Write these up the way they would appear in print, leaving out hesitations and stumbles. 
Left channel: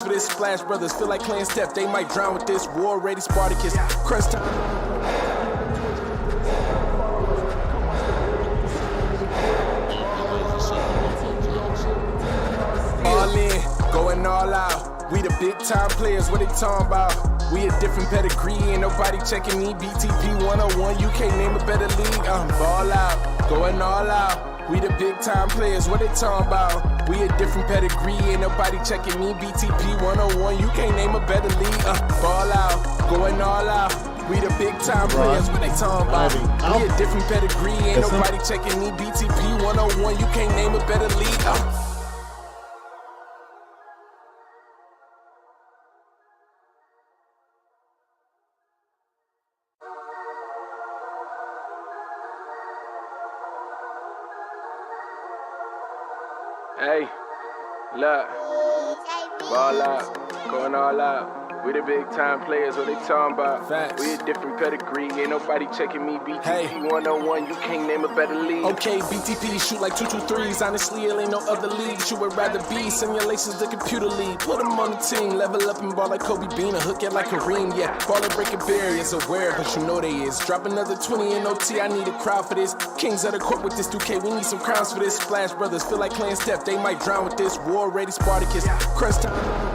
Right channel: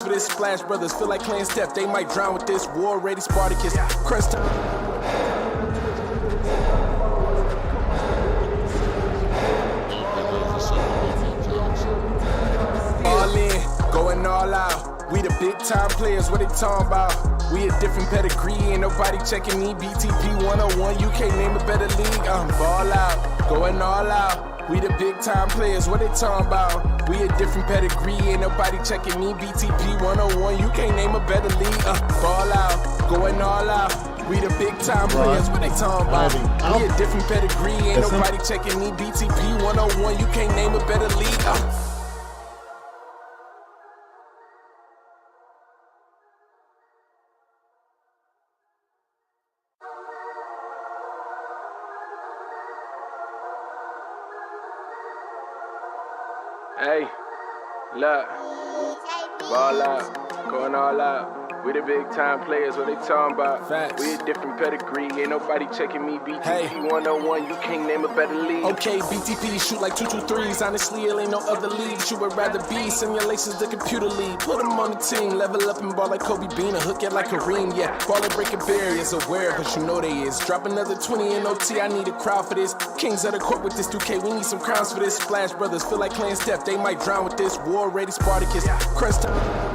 For this, Splash Brothers feel like playing Steph. They might drown with this. War ready Spartacus. Crunch time. All in, going all out. We the big time players. What they talking about? We a different pedigree. Ain't nobody checking me. BTP 101. You can't name a better league. Ball out, going all out. We the big time players, what they talking about? We a different pedigree, ain't nobody checking me. BTP 101, you can't name a better league. Ball out, going all out. We the big time players, what they talking about? We a different pedigree, ain't nobody checking me. BTP 101, you can't name a better league. Hey, look, ball out, going all out. We the big time players, what they talking about? Facts. We a different pedigree, ain't nobody checking me. BTP 101, you can't name a better league. Okay, BTP shoot like 223s. Honestly, it ain't no other league you would rather be. Simulations, the computer league. Put them on the team, level up and ball like Kobe Bean, or hook it like Kareem. Yeah, ball and breaking barriers, aware, but you know they is. Drop another 20 in OT, I need a crowd for this. Kings of the court with this 2K, we need some crowns for this. Splash Brothers feel like playing Steph, they might drown with this. War ready Spartacus. Crunch time.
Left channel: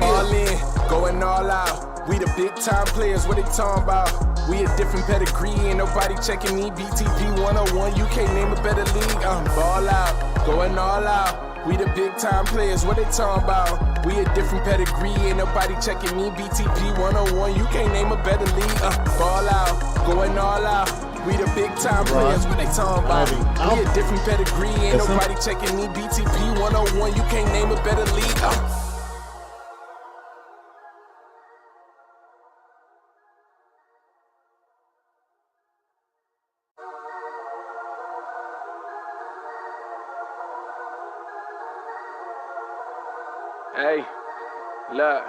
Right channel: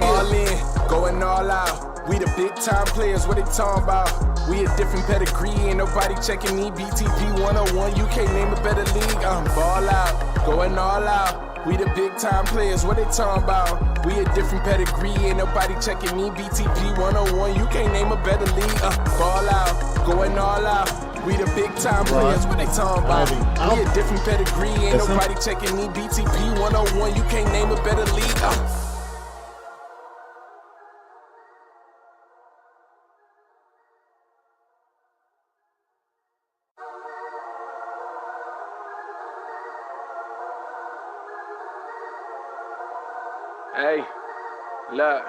All in, going all out. We the big time players, what they talking about? We a different pedigree, ain't nobody checking me. BTP 101, you can't name a better league. Ball out, going all out. We the big time players, what they talking about? We a different pedigree, ain't nobody checking me. BTP 101, you can't name a better league. Ball out, going all out. We the big time players, what they talking about? We a different pedigree, ain't nobody checking me. BTP 101, you can't name a better league. Hey, look,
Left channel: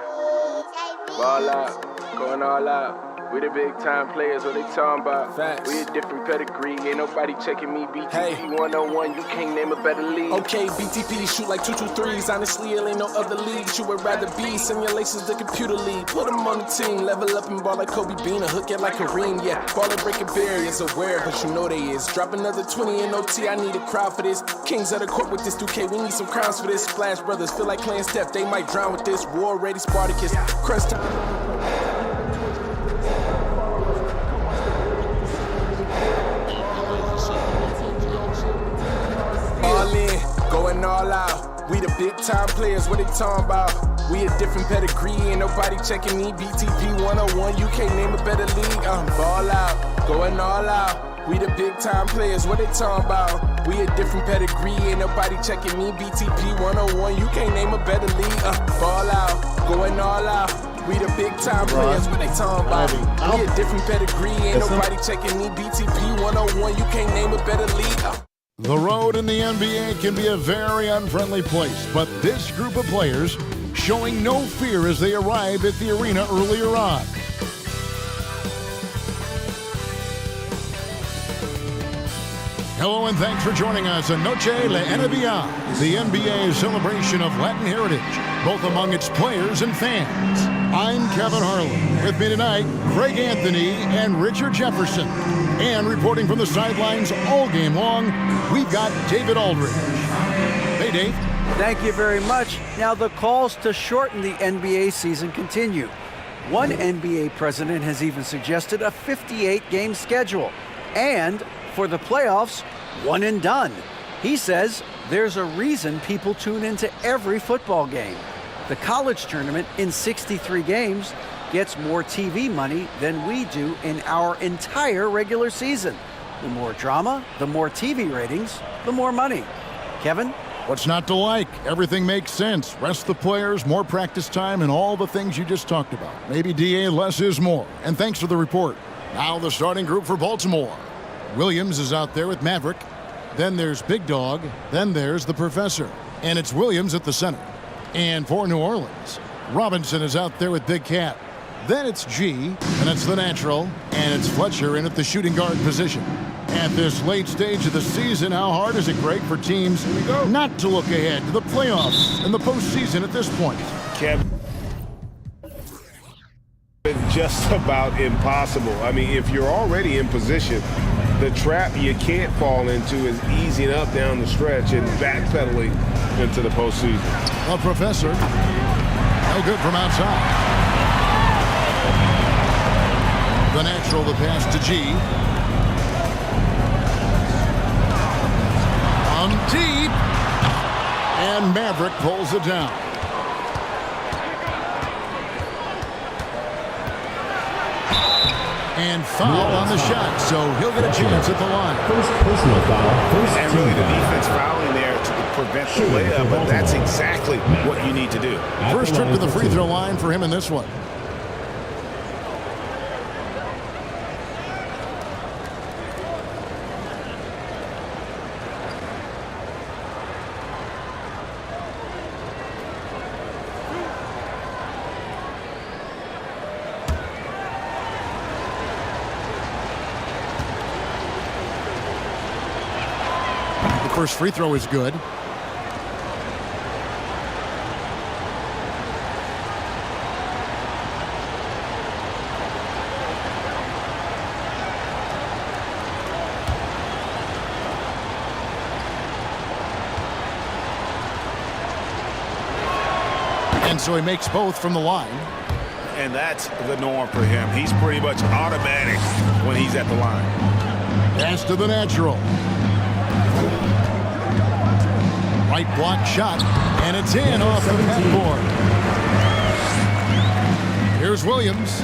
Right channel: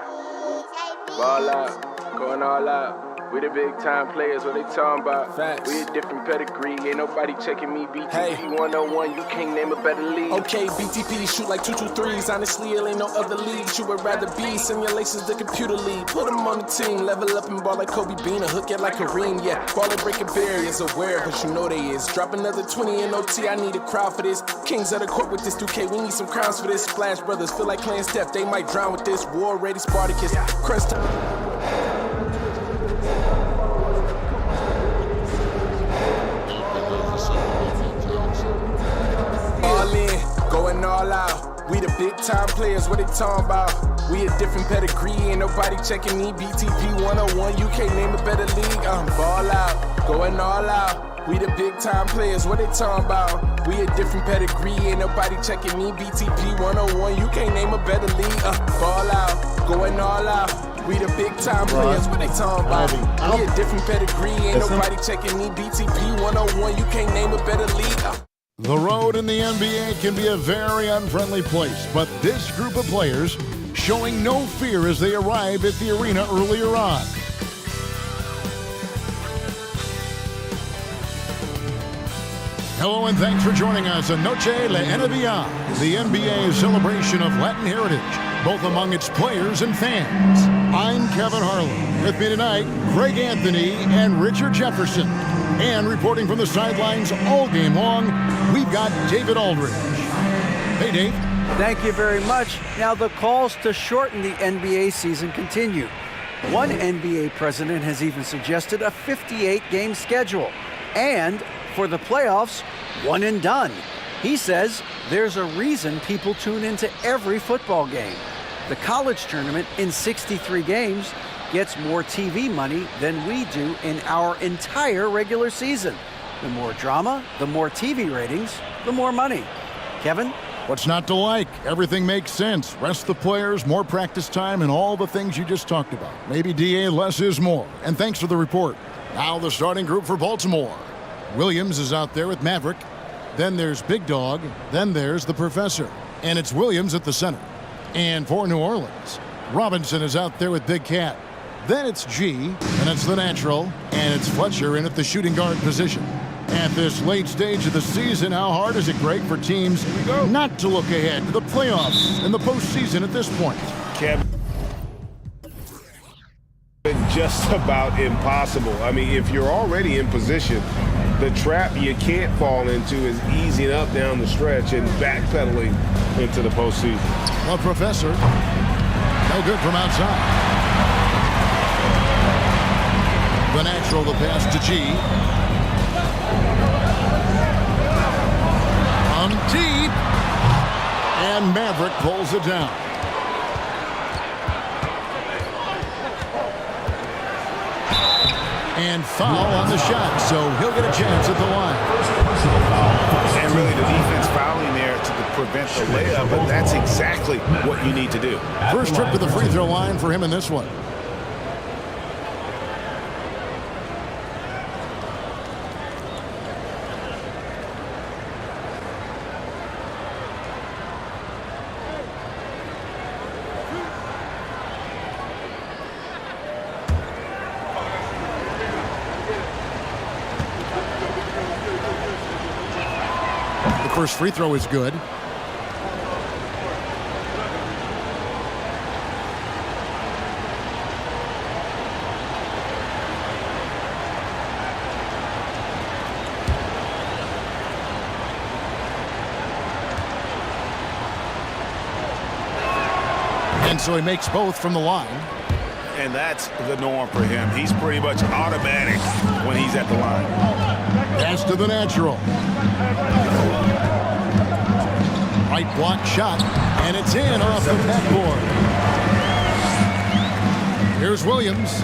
ball out, going all out. We the big time players, what they talking about? Facts. We a different pedigree, ain't nobody checking me. BTP 101, you can't name a better league. Okay, BTP shoot like 223s. Honestly, it ain't no other league you would rather be. Simulations, the computer league. Put them on the team, level up and ball like Kobe Bean, or hook it like Kareem. Yeah, ball and breaking barriers, aware, but you know they is. Drop another 20 in OT, I need a crowd for this. Kings of the court with this 2K, we need some crowns for this. Splash Brothers feel like playing Steph, they might drown with this. War ready Spartacus. Crunch time. All in, going all out. We the big time players, what they talking about? We a different pedigree, ain't nobody checking me. BTP 101, you can't name a better league. Ball out, going all out. We the big time players, what they talking about? We a different pedigree, ain't nobody checking me. BTP 101, you can't name a better league. Ball out, going all out. We the big time players, what they talking about? We a different pedigree, ain't nobody checking me. BTP 101, you can't name a better league. The road in the NBA can be a very unfriendly place, but this group of players showing no fear as they arrive at the arena earlier on. Hello and thanks for joining us on Noche La NBA, the NBA's celebration of Latin heritage, both among its players and fans. I'm Kevin Harlan. With me tonight, Greg Anthony and Richard Jefferson. And reporting from the sidelines all game long, we've got David Aldridge. Hey, Dave. Thank you very much. Now, the calls to shorten the NBA season continue. One NBA president has even suggested a 58-game schedule. And for the playoffs, one and done. He says there's a reason people tune into every football game. The college tournament in 63 games gets more TV money than we do in our entire regular season. The more drama, the more TV ratings, the more money. Kevin? What's not to like? Everything makes sense. Rest the players, more practice time, and all the things you just talked about. Maybe DA, less is more. And thanks for the report. Now the starting group for Baltimore. Williams is out there with Maverick. Then there's Big Dog. Then there's the Professor. And it's Williams at the center. And for New Orleans, Robinson is out there with Big Cat. Then it's G, and it's the natural, and it's Fletcher in at the shooting guard position. At this late stage of the season, how hard is it, Greg, for teams not to look ahead to the playoffs and the postseason at this point? Kevin, just about impossible. I mean, if you're already in position, the trap you can't fall into is easing up down the stretch and backpedaling into the postseason. Well, Professor, no good from outside. The natural, the pass to G. On deep. And Maverick pulls it down. And foul on the shot, so he'll get a chance at the line. First personal foul. And really the defense fouling there to prevent the layup, but that's exactly what you need to do. First trip to the free throw line for him in this one. First free throw is good. And so he makes both from the line. And that's the norm for him. He's pretty much automatic when he's at the line. Pass to the natural. Right block shot, and it's in off the backboard. Here's Williams.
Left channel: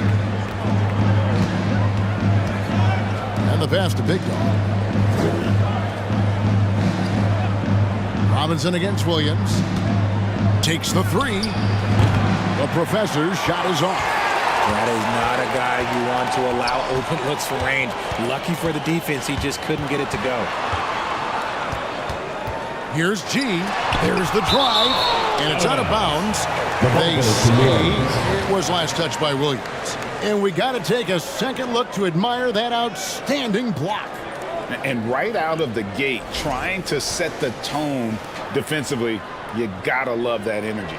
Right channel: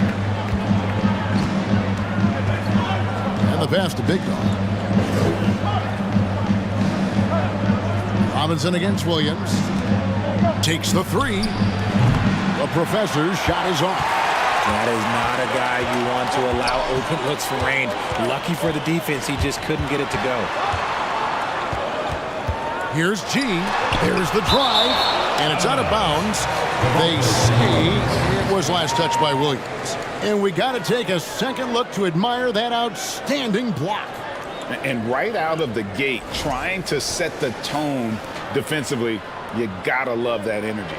And the pass to Big Dog. Robinson against Williams. Takes the three. The Professor's shot is off. That is not a guy you want to allow open looks for range. Lucky for the defense, he just couldn't get it to go. Here's G. There's the drive, and it's out of bounds. They say it was last touched by Williams. And we got to take a second look to admire that outstanding block. And right out of the gate, trying to set the tone defensively, you got to love that energy.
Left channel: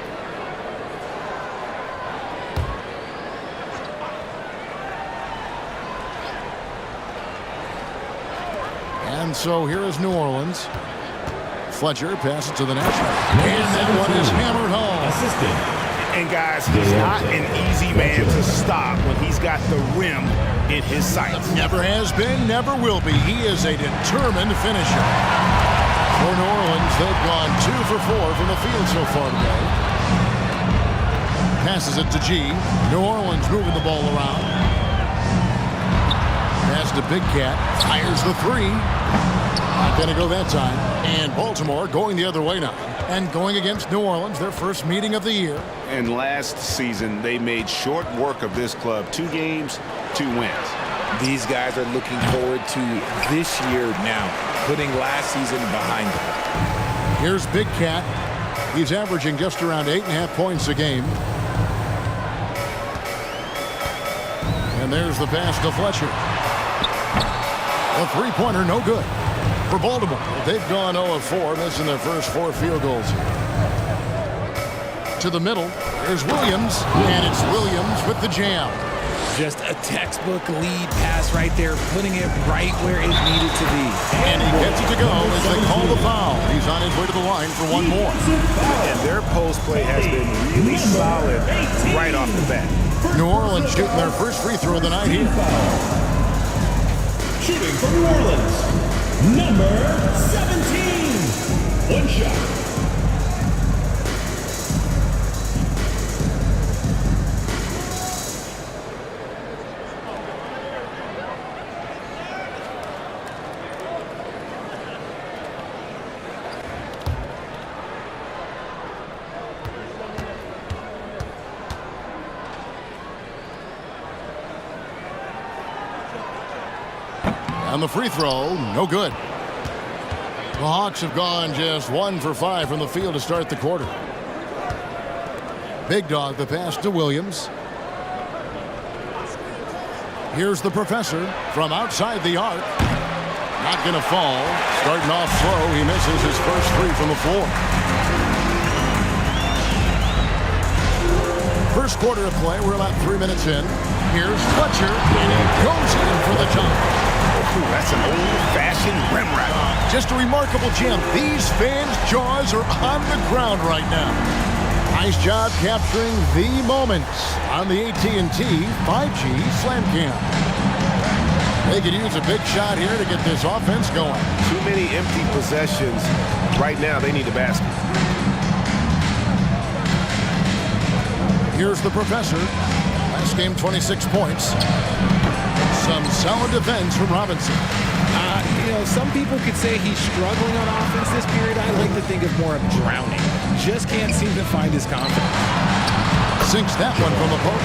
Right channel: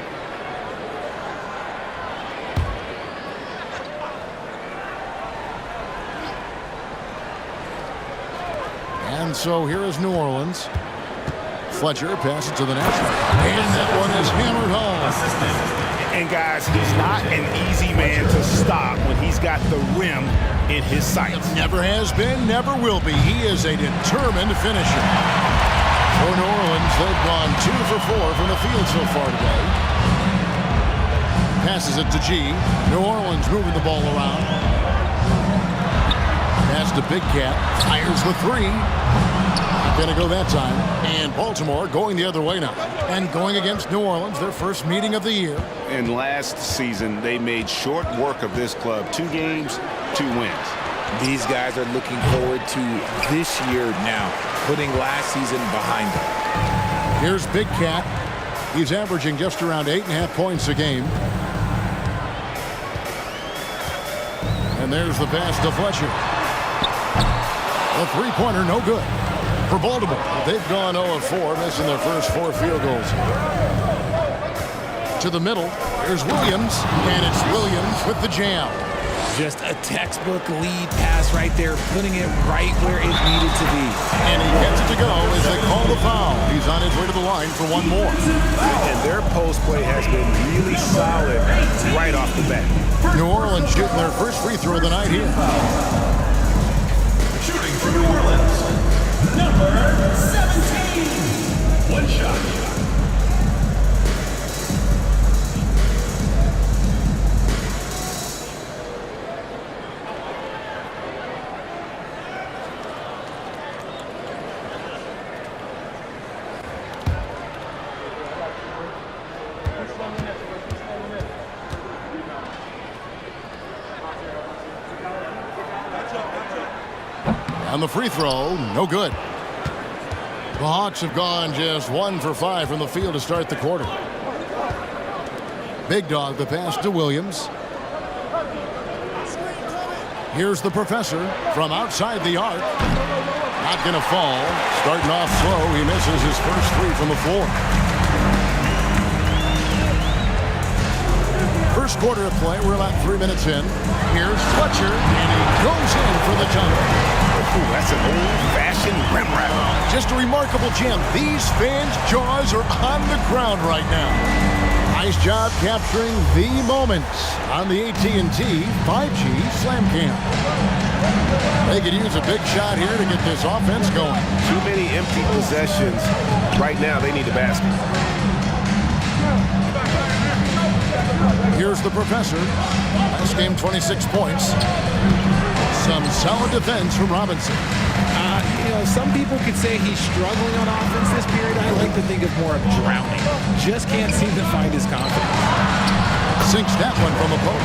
And so here is New Orleans. Fletcher passes to the national. And that one is hammered home. And guys, he's not an easy man to stop when he's got the rim in his sights. Never has been, never will be. He is a determined finisher. For New Orleans, they've gone 2 for 4 from the field so far today. Passes it to G. New Orleans moving the ball around. Pass to Big Cat. Fires the three. Not going to go that time. And Baltimore going the other way now. And going against New Orleans, their first meeting of the year. And last season, they made short work of this club. 2 games, 2 wins. These guys are looking forward to this year now, putting last season behind them. Here's Big Cat. He's averaging just around 8.5 points a game. And there's the pass to Fletcher. The three-pointer, no good. For Baltimore, they've gone 0 of 4, missing their first 4 field goals here. To the middle, there's Williams, and it's Williams with the jam. Just a textbook lead pass right there, putting it right where it needed to be. And he gets it to go as they call the foul. He's on his way to the line for one more. And their post play has been really solid right off the bat. New Orleans shooting their first free throw of the night here. Shooting for New Orleans, number 17. One shot. On the free throw, no good. The Hawks have gone just 1 for 5 from the field to start the quarter. Big Dog, the pass to Williams. Here's the Professor from outside the arc. Not going to fall. Starting off slow, he misses his first three from the floor. First quarter of play, we're about 3 minutes in. Here's Fletcher, and he goes in for the dunk. Ooh, that's an old-fashioned rim wrap. Just a remarkable jam. These fans' jaws are on the ground right now. Nice job capturing the moments on the AT&T 5G Slam Cam. They could use a big shot here to get this offense going. Too many empty possessions. Right now, they need a basket. Here's the professor. Last game, 26 points. Some solid defense from Robinson. Some people could say he's struggling on offense this period. I like to think of more of drowning. Just can't seem to find his confidence. Sinks that one from the post.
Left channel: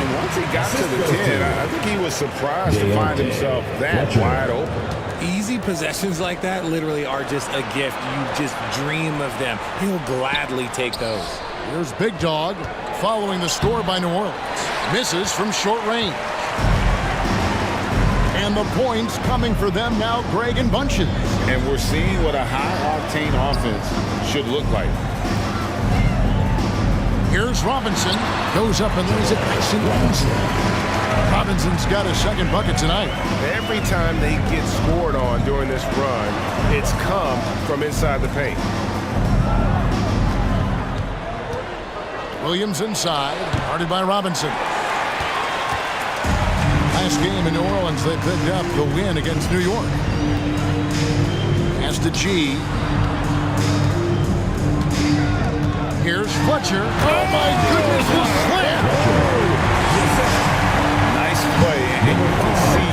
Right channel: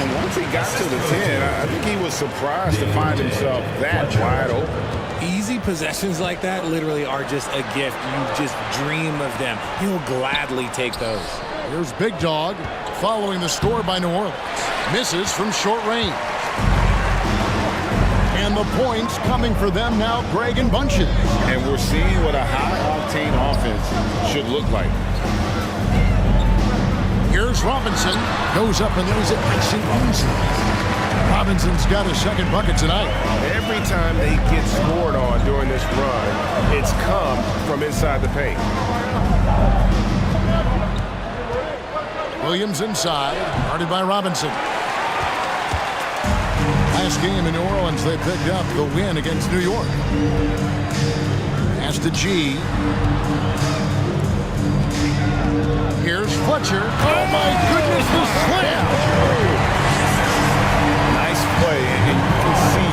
And once he got to the 10, I think he was surprised to find himself that wide open. Easy possessions like that literally are just a gift. You just dream of them. He'll gladly take those. Here's Big Dog following the score by New Orleans. Misses from short range. And the points coming for them now, Greg and bunches. And we're seeing what a high-octane offense should look like. Here's Robinson. Goes up and lays it nice and easy. Robinson's got his second bucket tonight. Every time they get scored on during this run, it's come from inside the paint. Williams inside, guarded by Robinson. Last game in New Orleans, they picked up the win against New York. Pass to G. Here's Fletcher. Oh my goodness, the slam! Nice play, and you can see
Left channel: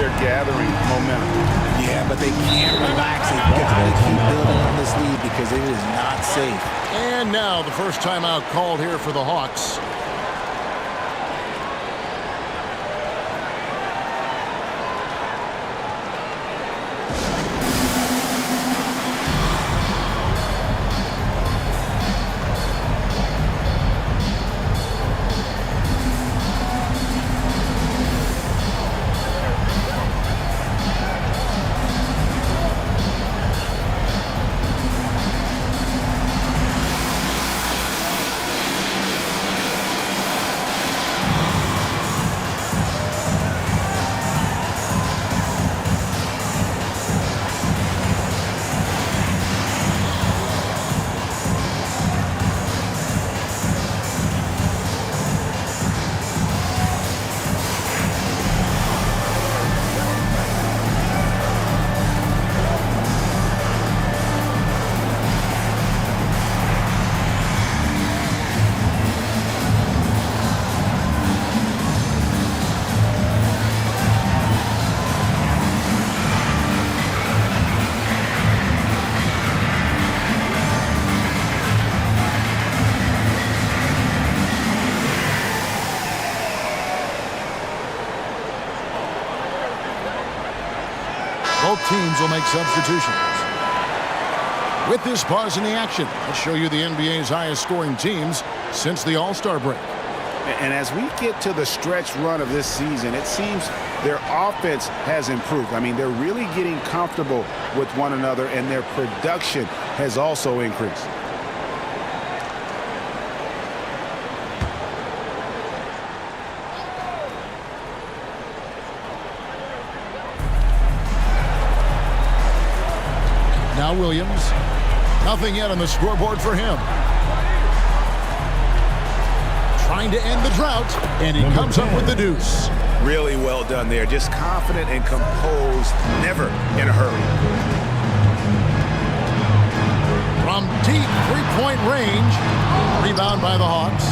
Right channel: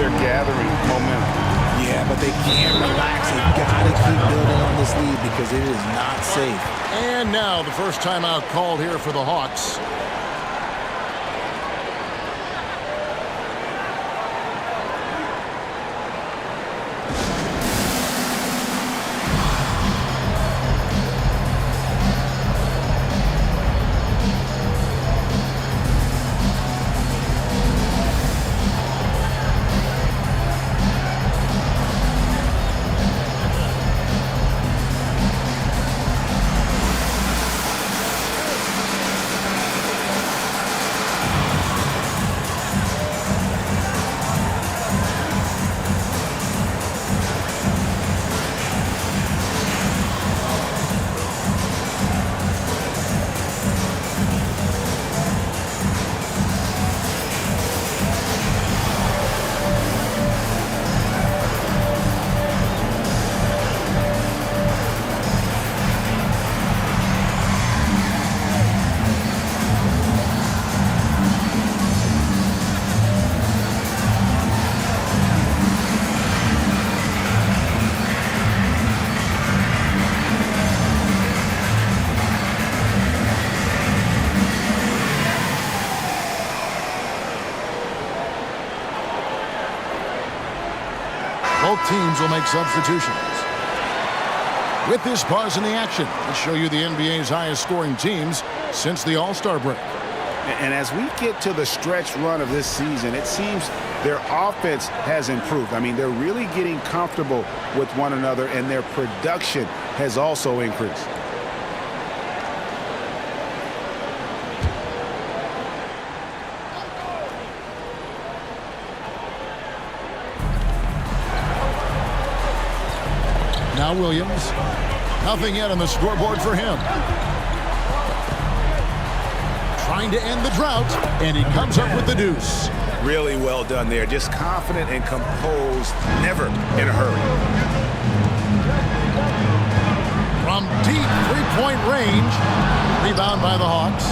they're gathering momentum. Yeah, but they can't relax. They've got to keep building on this lead because it is not safe. And now the first timeout called here for the Hawks. Both teams will make substitutions. With this pause in the action, let's show you the NBA's highest scoring teams since the All-Star break. And as we get to the stretch run of this season, it seems their offense has improved. I mean, they're really getting comfortable with one another, and their production has also increased. Now Williams. Nothing yet on the scoreboard for him. Trying to end the drought, and he comes up with the deuce. Really well done there. Just confident and composed, never in a hurry. From deep three-point range, rebound by the Hawks.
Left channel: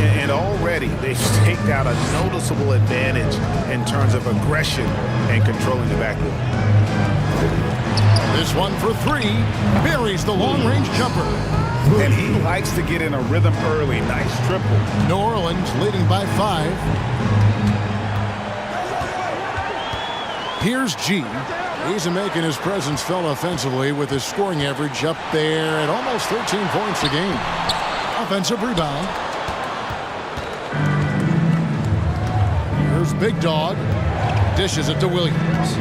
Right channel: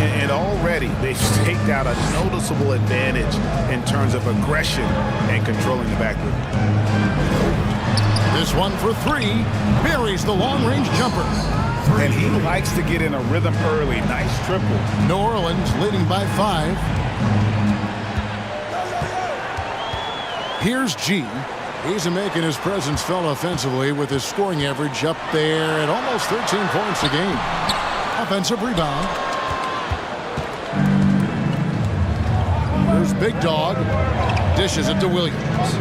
And already they've staked out a noticeable advantage in terms of aggression and controlling the backcourt. This one for three, buries the long-range jumper. And he likes to get in a rhythm early. Nice triple. New Orleans leading by 5. Here's G. He's making his presence felt offensively with his scoring average up there at almost 13 points a game. Offensive rebound. Here's Big Dog. Dishes it to Williams.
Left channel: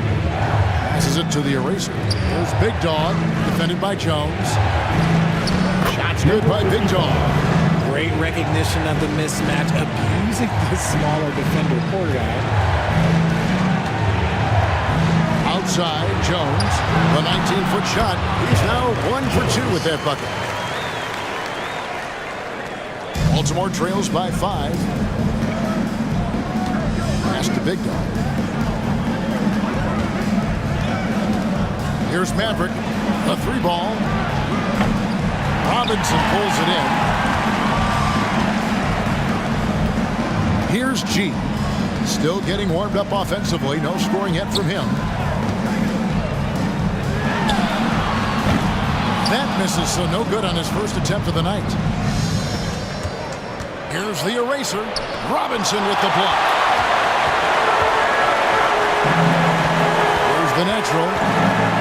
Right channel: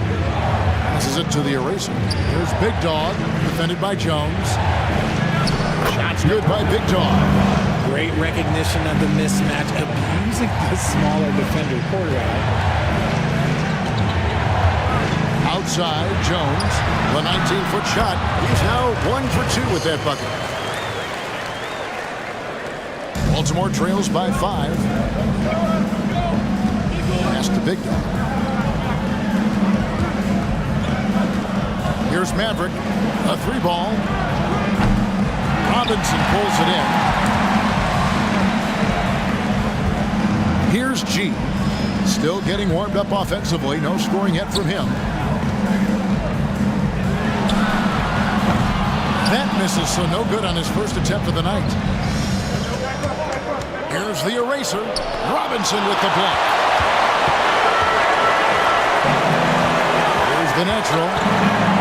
Passes it to the eraser. Here's Big Dog, defended by Jones. Shots good by Big Dog. Great recognition of the mismatch, abusing the smaller defender, poor guy. Outside, Jones, the 19-foot shot. He's now 1 for 2 with that bucket. Baltimore trails by 5. Pass to Big Dog. Here's Maverick, a 3-ball. Robinson pulls it in. Here's G. Still getting warmed up offensively. No scoring yet from him. That misses, so no good on his first attempt of the night. Here's the eraser. Robinson with the block. Here's the natural.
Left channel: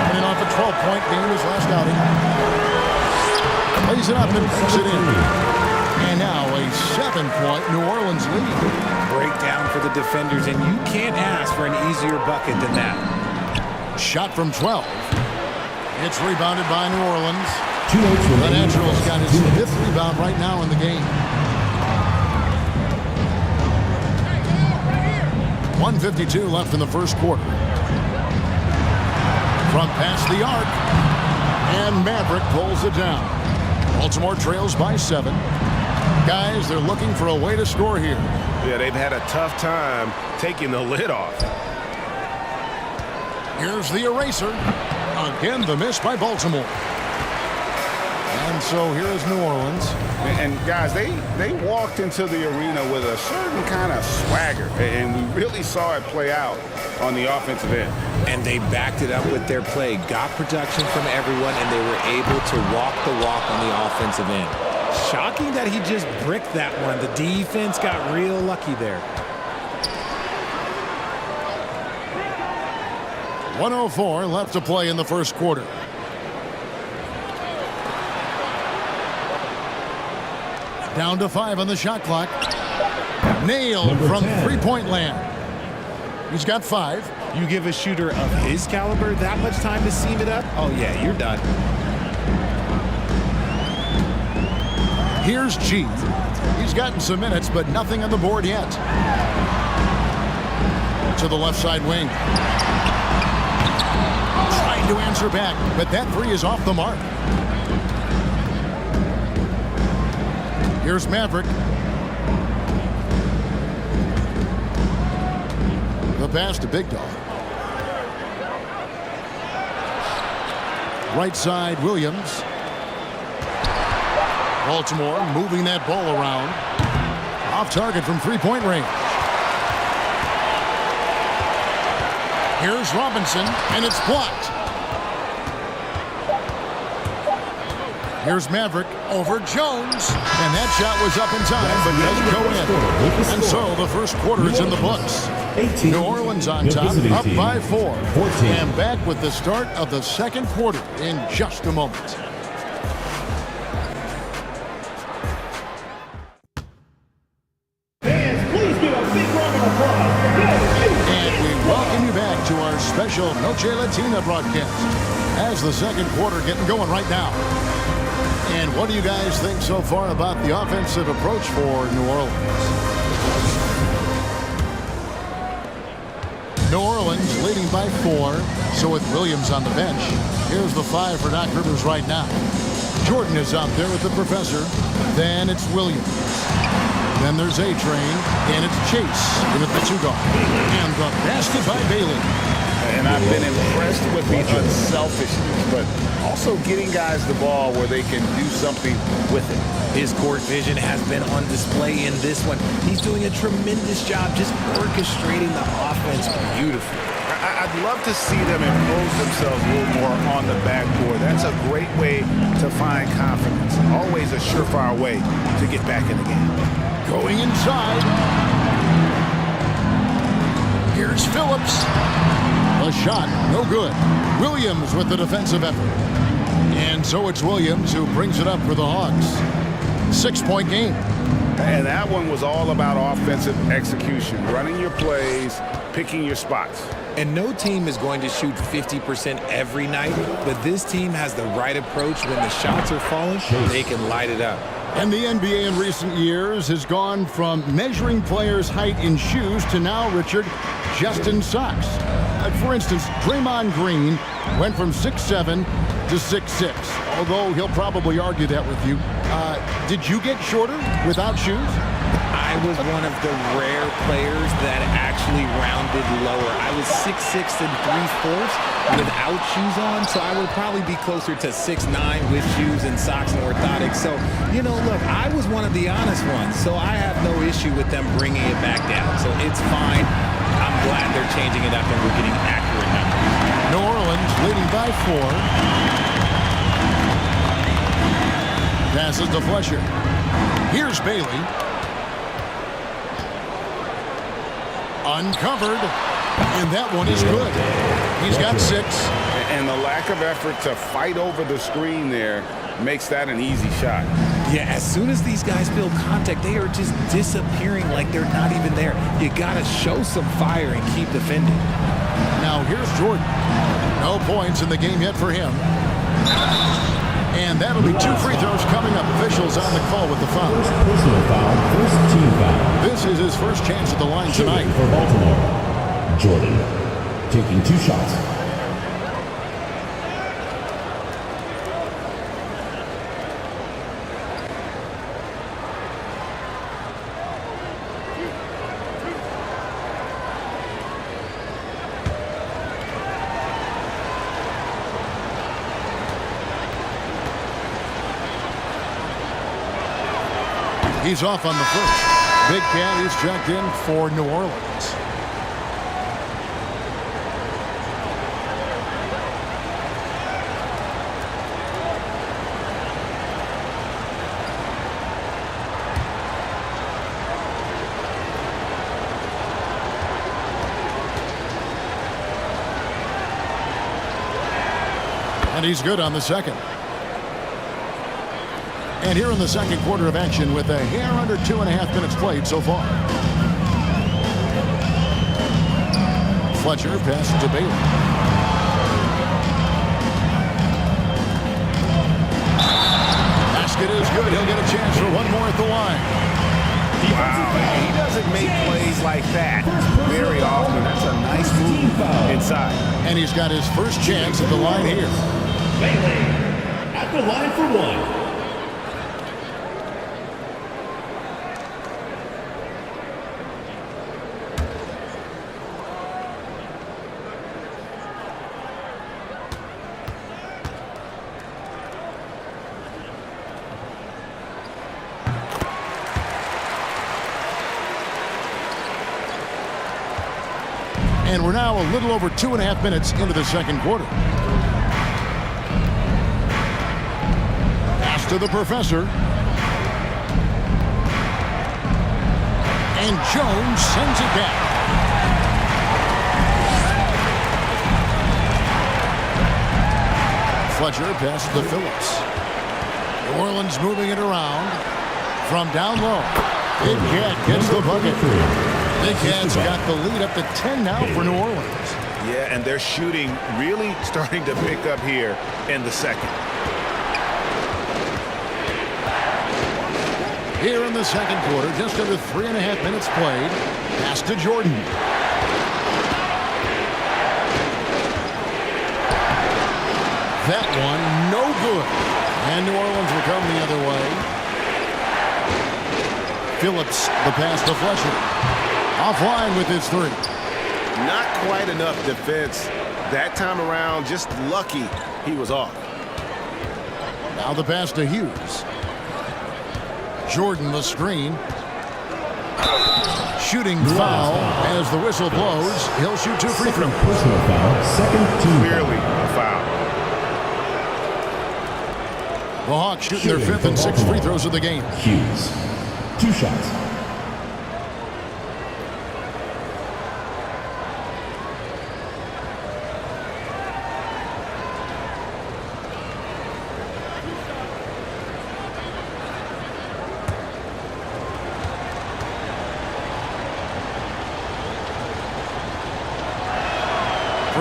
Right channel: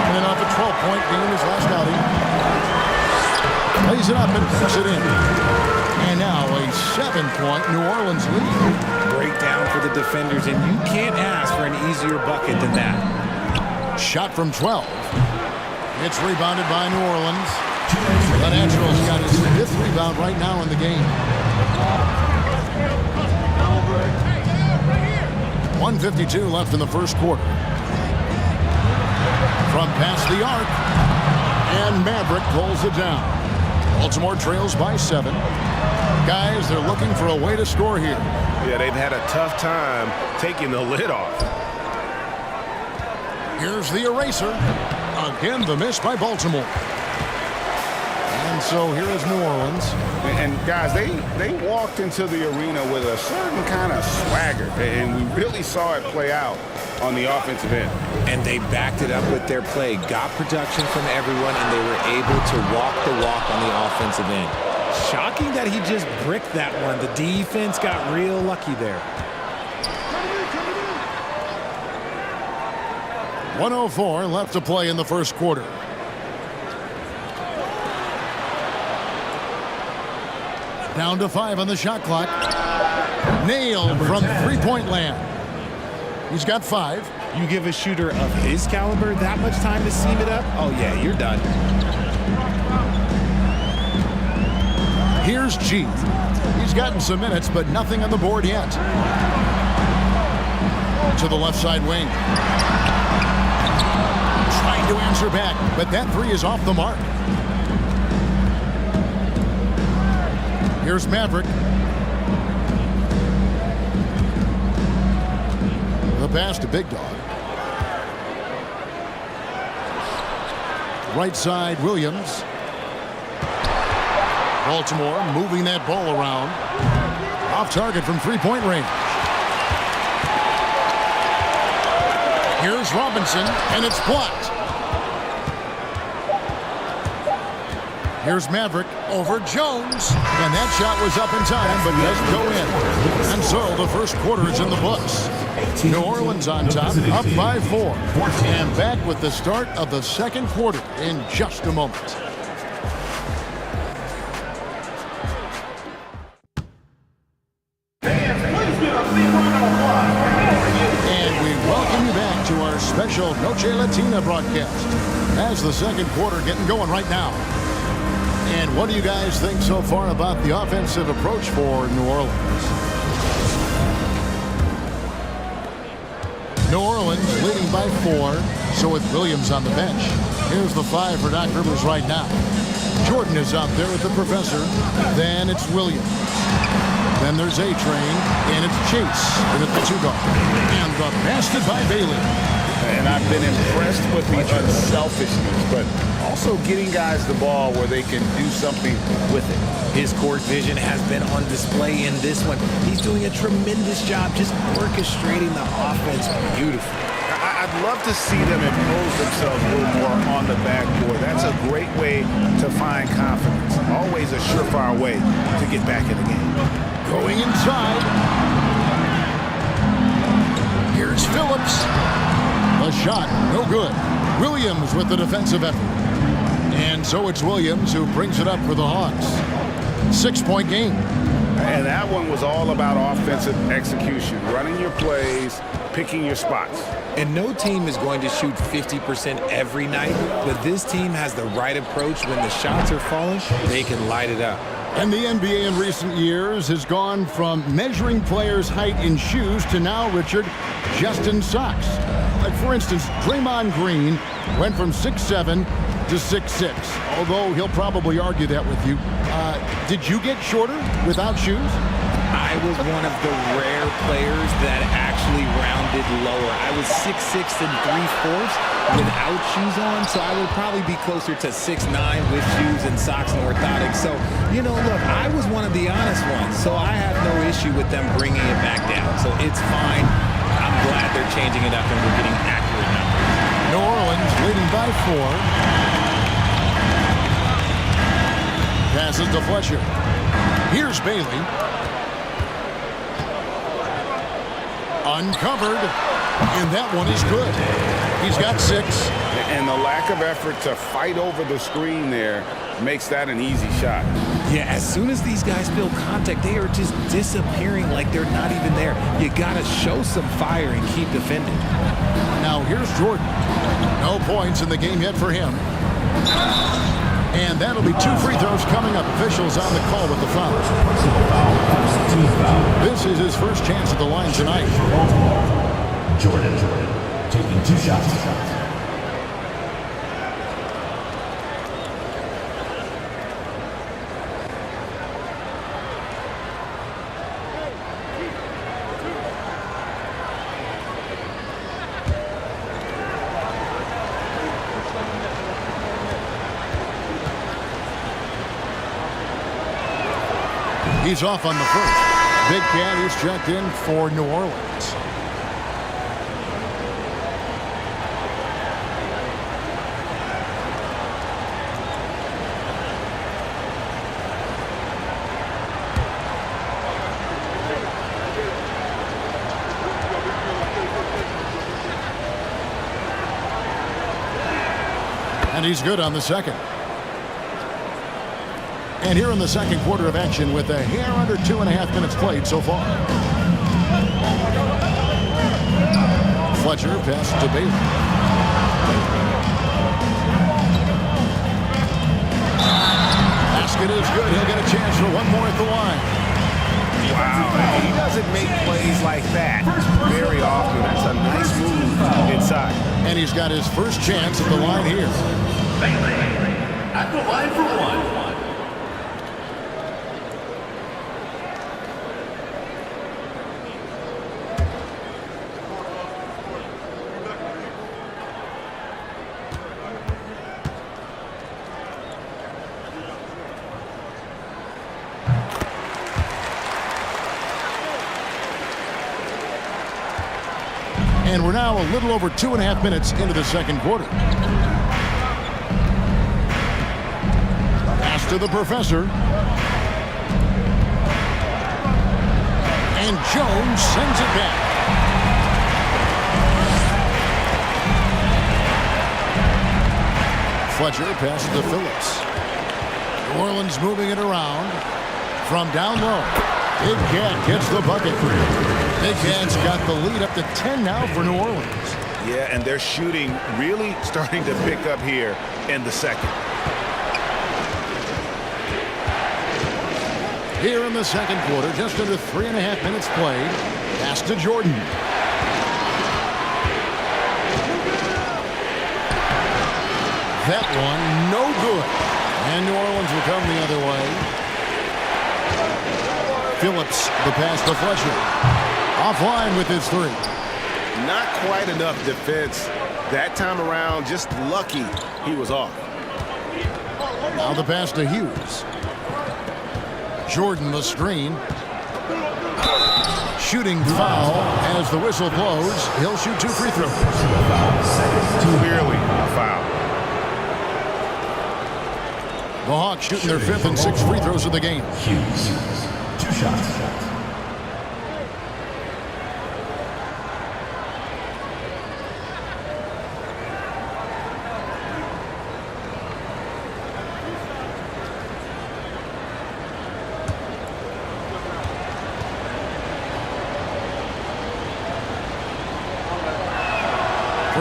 Coming off a 12-point game his last outing. Plays it up and banks it in. And now a 7-point New Orleans lead. Breakdown for the defenders, and you can't ask for an easier bucket than that. Shot from 12. It's rebounded by New Orleans. The Natural's got his 5th rebound right now in the game. 1:52 left in the first quarter. From past the arc, and Maverick pulls it down. Baltimore trails by 7. Guys, they're looking for a way to score here. Yeah, they've had a tough time taking the lid off. Here's the eraser. Again, the miss by Baltimore. And so here is New Orleans. And guys, they walked into the arena with a certain kind of swagger, and we really saw it play out on the offensive end. And they backed it up with their play, got production from everyone, and they were able to walk the walk on the offensive end. Shocking that he just bricked that one. The defense got real lucky there. 1:04 left to play in the first quarter. Down to 5 on the shot clock. Nailed from 3-point land. He's got 5. You give a shooter of his caliber that much time to seam it up? Oh, yeah, you're done. Here's G. He's gotten some minutes, but nothing on the board yet. To the left side wing. Trying to answer back, but that 3 is off the mark. Here's Maverick. The pass to Big Dog. Right side, Williams. Baltimore moving that ball around. Off target from 3-point range. Here's Robinson, and it's blocked. Here's Maverick over Jones, and that shot was up in time, but doesn't go in. And so the first quarter is in the books. New Orleans on top, up by 4. And back with the start of the second quarter in just a moment. And we welcome you back to our special Noche Latina broadcast as the second quarter getting going right now. And what do you guys think so far about the offensive approach for New Orleans? New Orleans leading by 4, so with Williams on the bench. Here's the 5 for Doc Rivers right now. Jordan is out there with the professor. Then it's Williams. Then there's A-Train, and it's Chase in at the 2-guard. And the basket by Bailey. And I've been impressed with the unselfishness, but also getting guys the ball where they can do something with it. His court vision has been on display in this one. He's doing a tremendous job just orchestrating the offense beautifully. I'd love to see them impose themselves a little more on the backboard. That's a great way to find confidence. Always a surefire way to get back in the game. Going inside. Here's Phillips. The shot, no good. Williams with the defensive effort. And so it's Williams who brings it up for the Hawks. 6-point game. And that one was all about offensive execution, running your plays, picking your spots. And no team is going to shoot 50% every night, but this team has the right approach. When the shots are falling, they can light it up. And the NBA in recent years has gone from measuring players' height in shoes to now, Richard, just in socks. For instance, Draymond Green went from 6'7" to 6'6", although he'll probably argue that with you. Did you get shorter without shoes? I was one of the rare players that actually rounded lower. I was 6'6" and 3/4 without shoes on, so I would probably be closer to 6'9" with shoes and socks and orthotics. So, you know, look, I was one of the honest ones, so I have no issue with them bringing it back down. So it's fine. I'm glad they're changing it up and we're getting accurate numbers. New Orleans leading by 4. Passes to Fletcher. Here's Bailey. Uncovered, and that one is good. He's got 6. And the lack of effort to fight over the screen there makes that an easy shot. Yeah, as soon as these guys feel contact, they are just disappearing like they're not even there. You got to show some fire and keep defending. Now here's Jordan. No points in the game yet for him. And that'll be 2 free throws coming up. Officials on the call with the foul. Personal foul, first team foul. This is his first chance at the line tonight. For Baltimore, Jordan taking 2 shots. He's off on the first. Big Cat, he's checked in for New Orleans. And he's good on the second. And here in the second quarter of action with a hair under 2.5 minutes played so far. Fletcher passes to Bailey. Basket is good. He'll get a chance for one more at the line. Wow, he doesn't make plays like that very often. That's a nice move inside. And he's got his first chance at the line here. Bailey at the line for 1. And we're now a little over 2.5 minutes into the second quarter. Pass to the professor. And Jones sends it back. Fletcher passes to Phillips. New Orleans moving it around from down low. Big Cat gets the bucket. Big Cat's got the lead up to 10 now for New Orleans. Yeah, and they're shooting really starting to pick up here in the second. Here in the second quarter, just under 3.5 minutes played. Pass to Jordan. That one, no good. And New Orleans will come the other way. Phillips, the pass to Fletcher. Offline with his 3. Not quite enough defense that time around. Just lucky he was off. Now the pass to Hughes. Jordan the screen. Shooting foul as the whistle blows. He'll shoot 2 free throws. Personal foul, second team. Clearly a foul. The Hawks shooting their 5th and 6th free throws of the game. Hughes, 2 shots.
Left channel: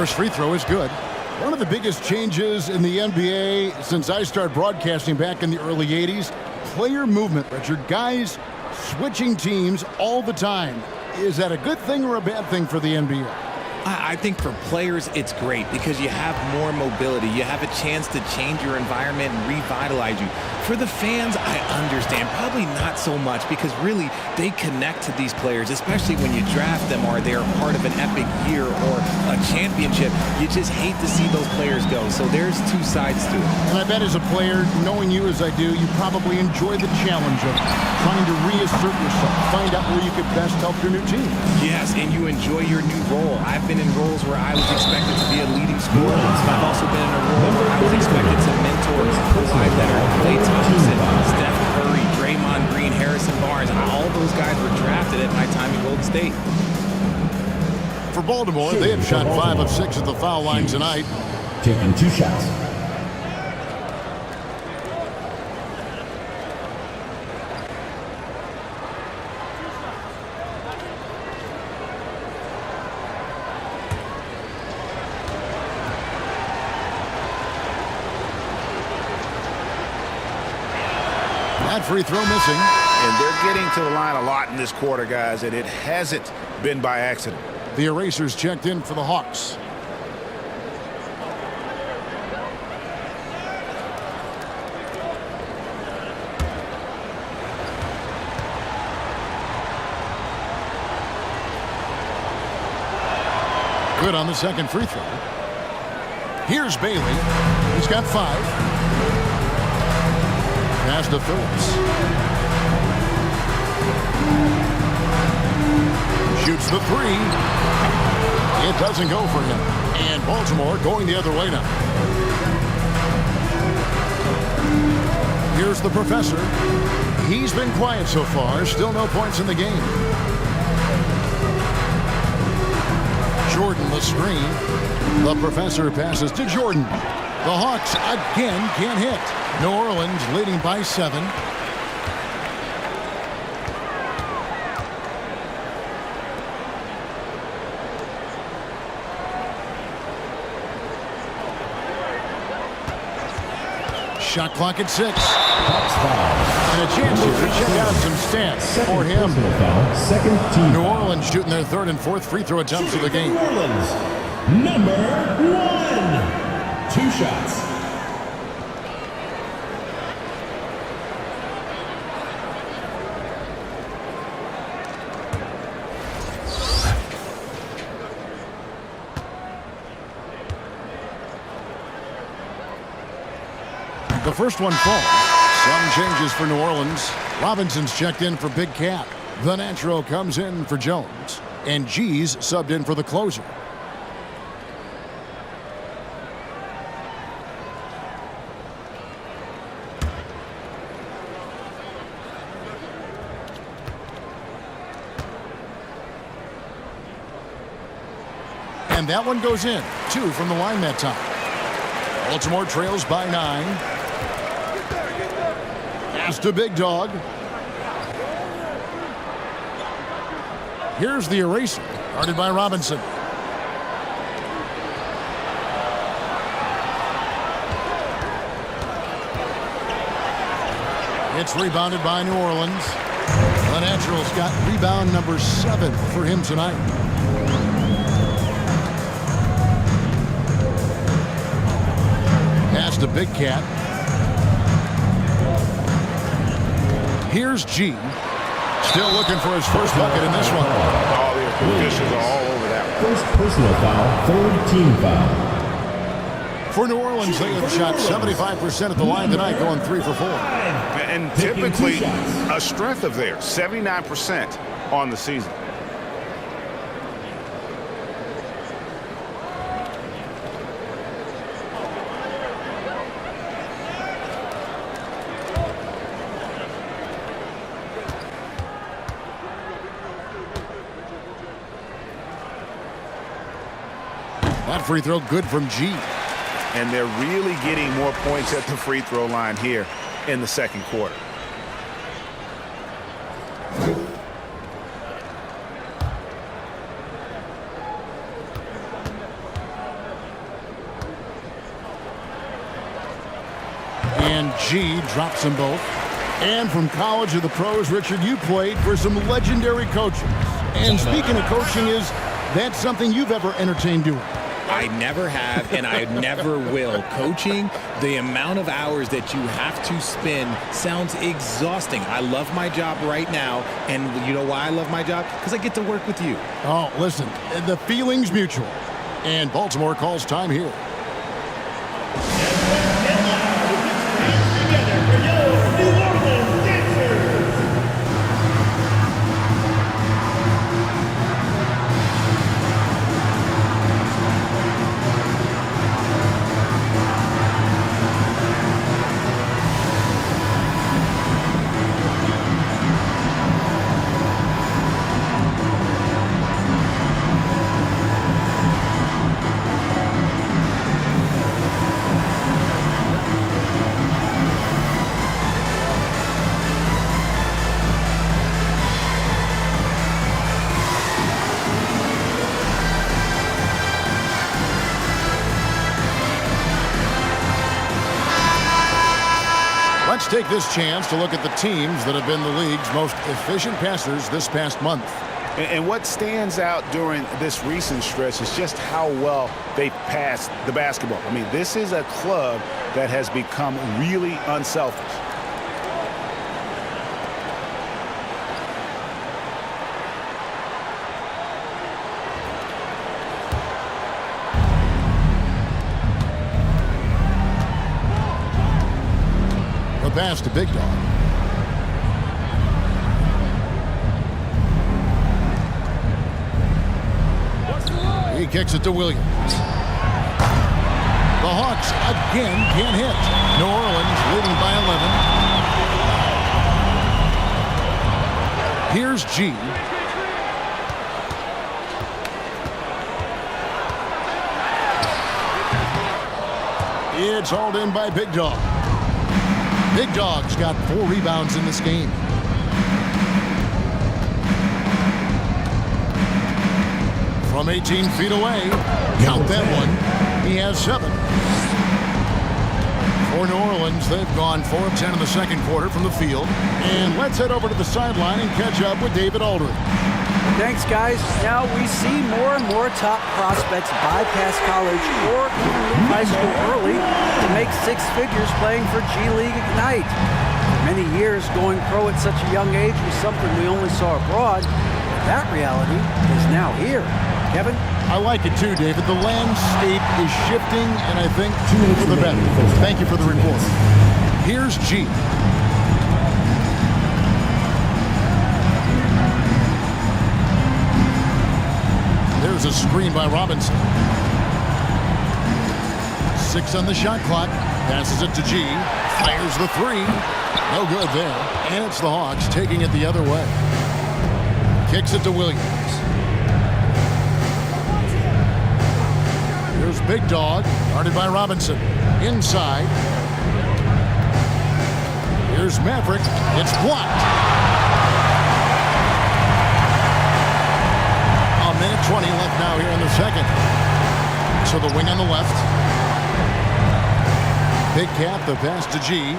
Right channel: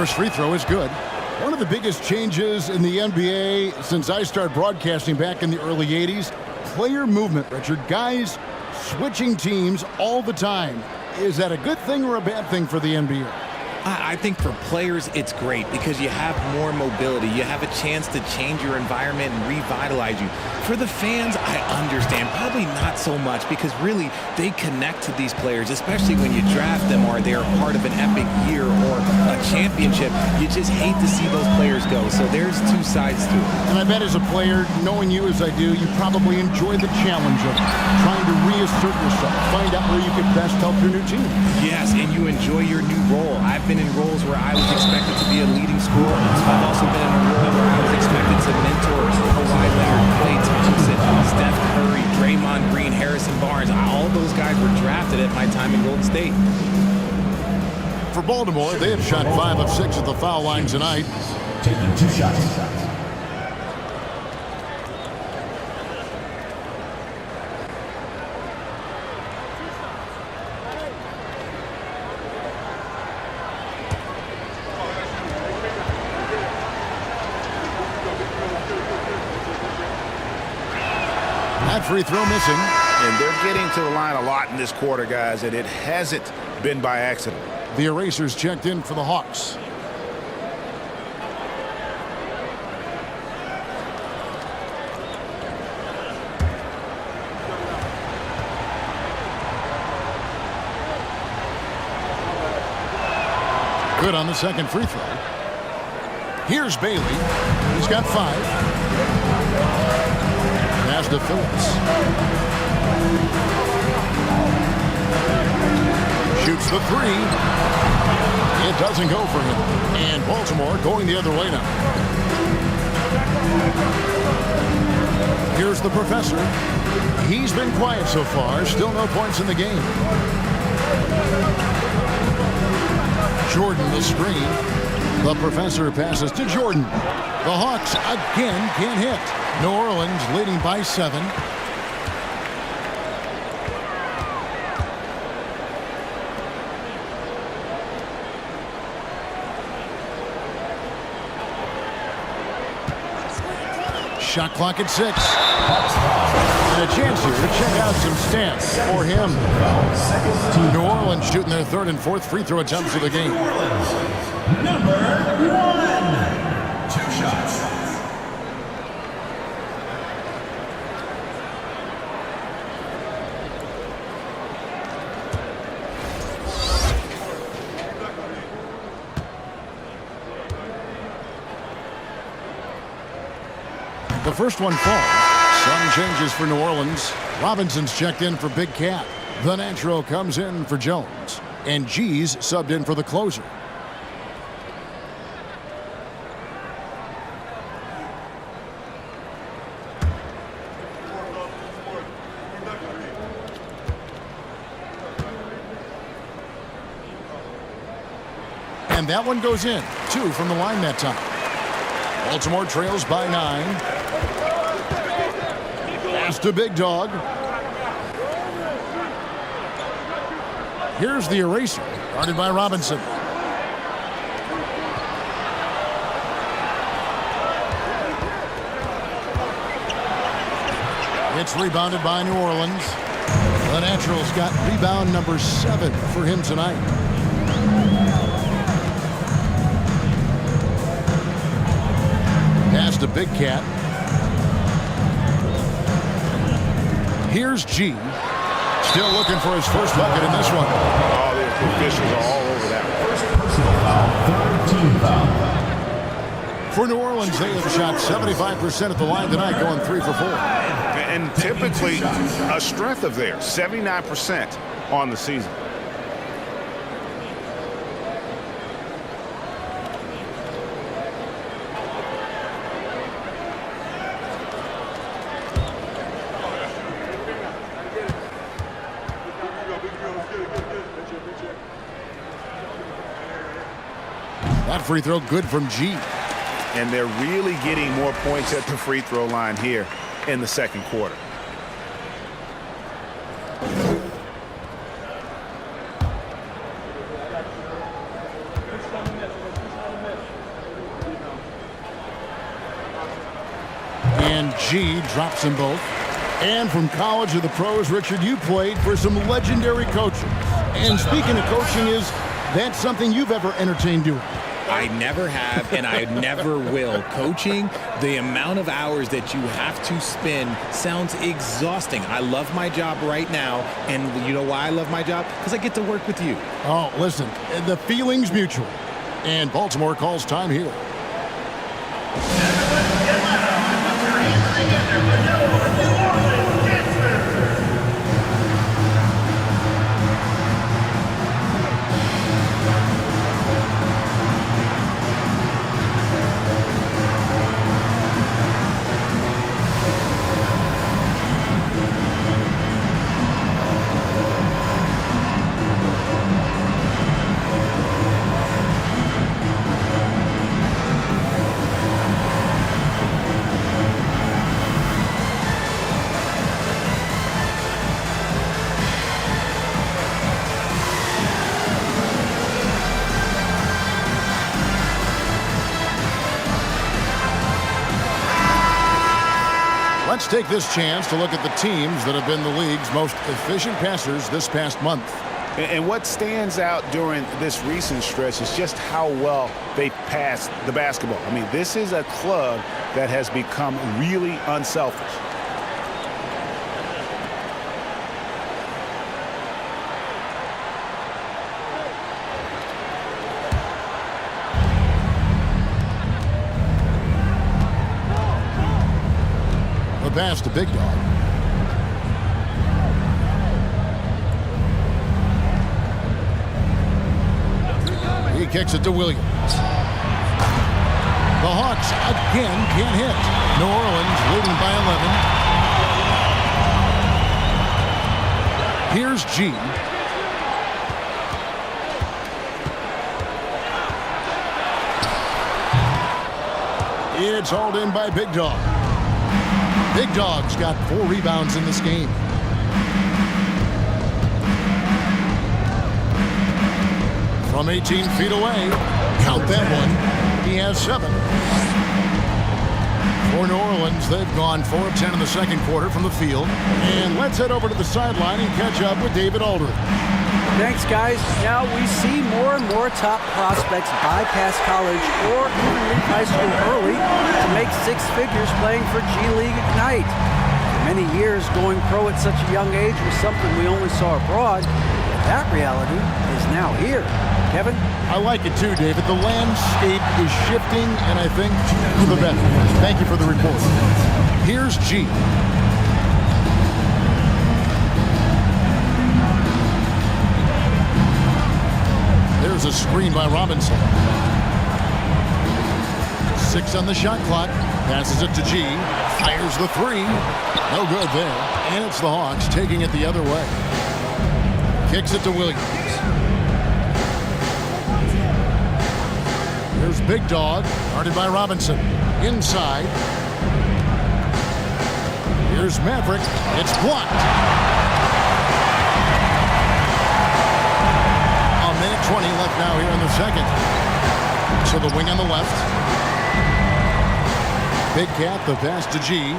First free throw is good. One of the biggest changes in the NBA since I started broadcasting back in the early 80s, player movement, Richard. Guys switching teams all the time. Is that a good thing or a bad thing for the NBA? I think for players, it's great because you have more mobility. You have a chance to change your environment and revitalize you. For the fans, I understand. Probably not so much because really they connect to these players, especially when you draft them or they're part of an epic year or a championship. You just hate to see those players go. So there's two sides to it. And I bet as a player, knowing you as I do, you probably enjoy the challenge of trying to reassert yourself, find out where you could best help your new team. Yes, and you enjoy your new role. I've been in roles where I was expected to be a leading scorer. I've also been in a role where I was expected to mentor Kawhi Leonard, Klay Thompson, Steph Curry, Draymond Green, Harrison Barnes. All those guys were drafted at my time in Golden State. For Baltimore, they have shot 5 of 6 at the foul line tonight. Taking 2 shots. That free throw missing. And they're getting to the line a lot in this quarter, guys, and it hasn't been by accident. The erasers checked in for the Hawks. Good on the second free throw. Here's Bailey. He's got 5. Pass to Phillips. Shoots the 3. It doesn't go for him. And Baltimore going the other way now. Here's the professor. He's been quiet so far. Still no points in the game. Jordan the screen. The professor passes to Jordan. The Hawks again can't hit. New Orleans leading by 7. Shot clock at 6. And a chance here to check out some stats for him. New Orleans shooting their 3rd and 4th free throw attempts of the game. New Orleans, number 1. 2 shots. The first one falls. Some changes for New Orleans. Robinson's checked in for Big Cat. The Natural comes in for Jones. And G's subbed in for the closer. And that one goes in. 2 from the line that time. Baltimore trails by 9. Pass to Big Dog. Here's the eraser, guarded by Robinson. It's rebounded by New Orleans. The Naturals got rebound number 7 for him tonight. Pass to Big Cat. Here's G. Still looking for his first bucket in this one. Oh, the officials are all over that one. First personal foul, 3rd team foul. For New Orleans, they have shot 75% at the line tonight, going 3 for 4. And typically a strength of theirs, 79% on the season. That free throw good from G. And they're really getting more points at the free throw line here in the second quarter. And G drops them both. And from college to the pros, Richard, you played for some legendary coaches. And speaking of coaching, is that something you've ever entertained doing? I never have, and I never will. Coaching, the amount of hours that you have to spend sounds exhausting. I love my job right now, and you know why I love my job? Because I get to work with you. Oh, listen, the feeling's mutual. And Baltimore calls time here. Everyone get loud and put your hands together for your New Orleans Dancers. Let's take this chance to look at the teams that have been the league's most efficient passers this past month. And what stands out during this recent stretch is just how well they passed the basketball. I mean, this is a club that has become really unselfish. The pass to Big Dog. He kicks it to Williams. The Hawks again can't hit. New Orleans leading by 11. Here's G. It's hauled in by Big Dog. Big Dog's got 4 rebounds in this game. From 18 feet away, count that one, he has 7. For New Orleans, they've gone 4 of 10 in the second quarter from the field. And let's head over to the sideline and catch up with David Aldridge. Thanks, guys. Now we see more and more top prospects bypass college or even leave high school early to make 6 figures playing for G League Ignite. For many years, going pro at such a young age was something we only saw abroad, but that reality is now here. Kevin? I like it too, David. The landscape is shifting, and I think for the better. Thank you for the report. Here's G. There's a screen by Robinson. 6 on the shot clock. Passes it to G. Fires the 3. No good there. And it's the Hawks taking it the other way. Kicks it to Williams. Here's Big Dog. Guarded by Robinson. Inside. Here's Maverick. It's blocked. A minute 20 left now here in the second. So the wing on the left. Big Cat, the pass to G.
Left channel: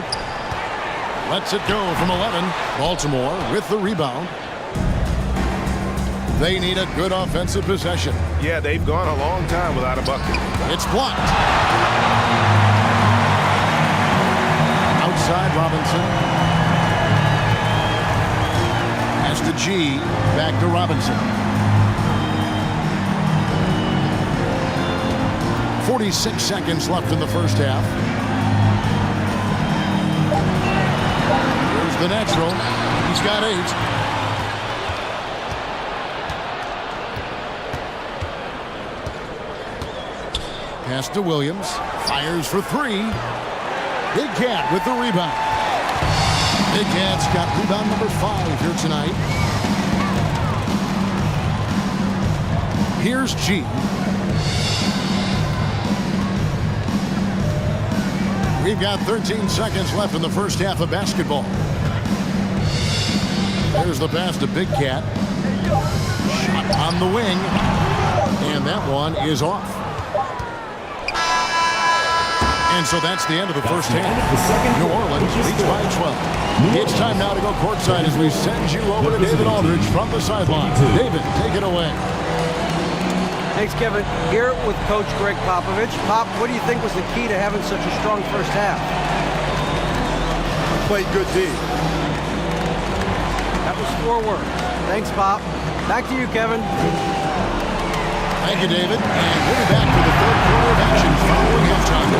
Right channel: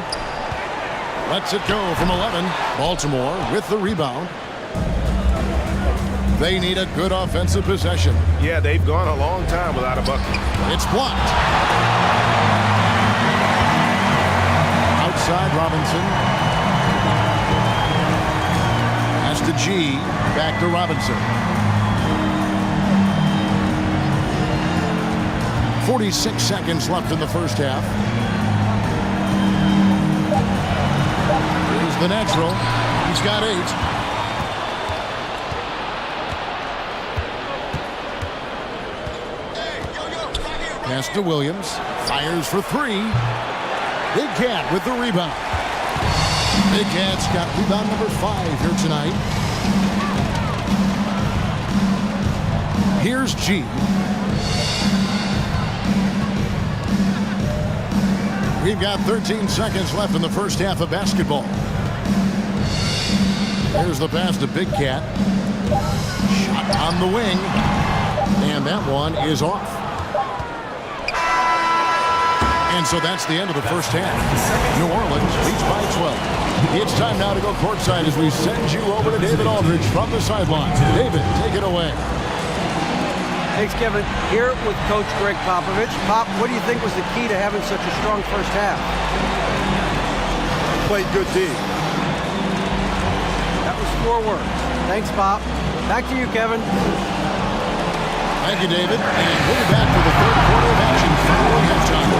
Lets it go from 11. Baltimore with the rebound. They need a good offensive possession. Yeah, they've gone a long time without a bucket. It's blocked. Outside Robinson. Pass to G. Back to Robinson. 46 seconds left in the first half. Here's the natural. He's got 8. Pass to Williams. Fires for 3. Big Cat with the rebound. Big Cat's got rebound number 5 here tonight. Here's G. We've got 13 seconds left in the first half of basketball. There's the pass to Big Cat. Shot on the wing. And that one is off. And so that's the end of the first half. New Orleans leads by 12. It's time now to go courtside as we send you over to David Aldridge from the sideline. David, take it away. Thanks, Kevin. Here with Coach Greg Popovich. Pop, what do you think was the key to having such a strong first half? Played good D. That was 4 words. Thanks, Pop. Back to you, Kevin. Thank you, David. And we'll be back for the third quarter of action following halftime.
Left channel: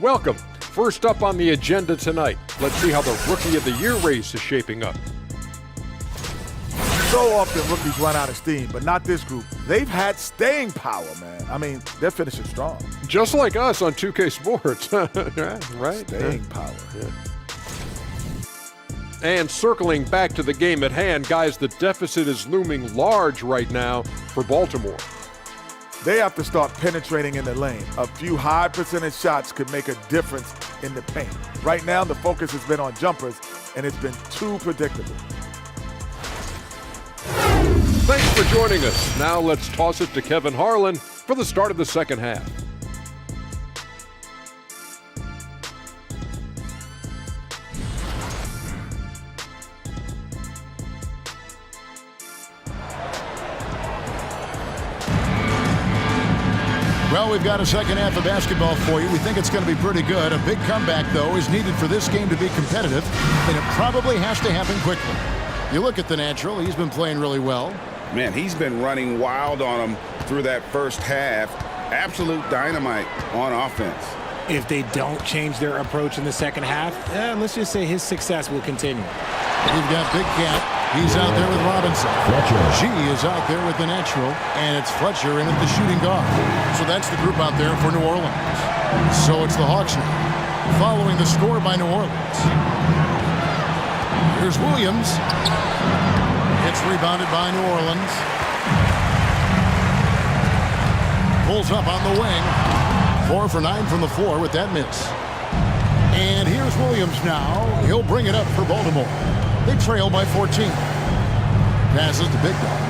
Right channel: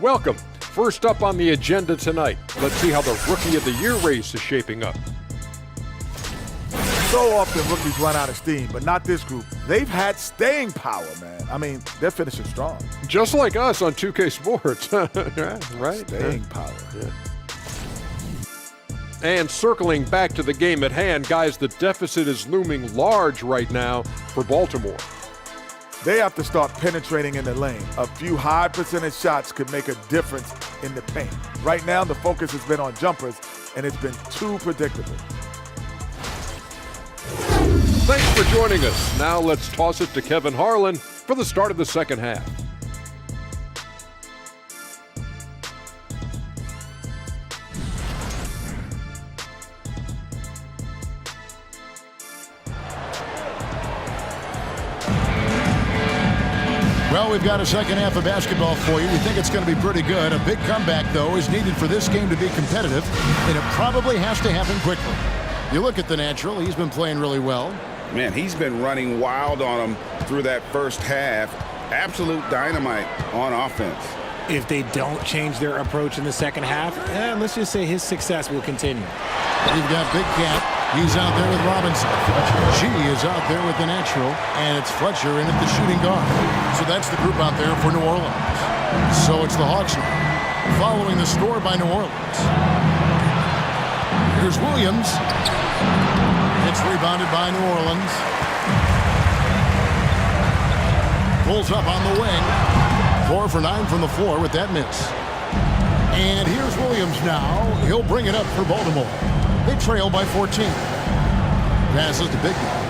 Welcome. First up on the agenda tonight, let's see how the Rookie of the Year race is shaping up. So often rookies run out of steam, but not this group. They've had staying power, man. I mean, they're finishing strong. Just like us on 2K Sports. Right? Staying power. Yeah. And circling back to the game at hand, guys, the deficit is looming large right now for Baltimore. They have to start penetrating in the lane. A few high percentage shots could make a difference in the paint. Right now, the focus has been on jumpers, and it's been too predictable. Thanks for joining us. Now let's toss it to Kevin Harlan for the start of the second half. Well, we've got a second half of basketball for you. We think it's going to be pretty good. A big comeback, though, is needed for this game to be competitive, and it probably has to happen quickly. You look at the natural. He's been playing really well. Man, he's been running wild on him through that first half. Absolute dynamite on offense. If they don't change their approach in the second half, let's just say his success will continue. You've got Big Cat. He's out there with Robinson. G is out there with the natural, and it's Fletcher in at the shooting guard. So that's the group out there for New Orleans. So it's the Hawks now, following the score by New Orleans. Here's Williams. It's rebounded by New Orleans. Pulls up on the wing. 4 for 9 from the floor with that miss. And here's Williams now. He'll bring it up for Baltimore. They trail by 14. Passes to Big Dog.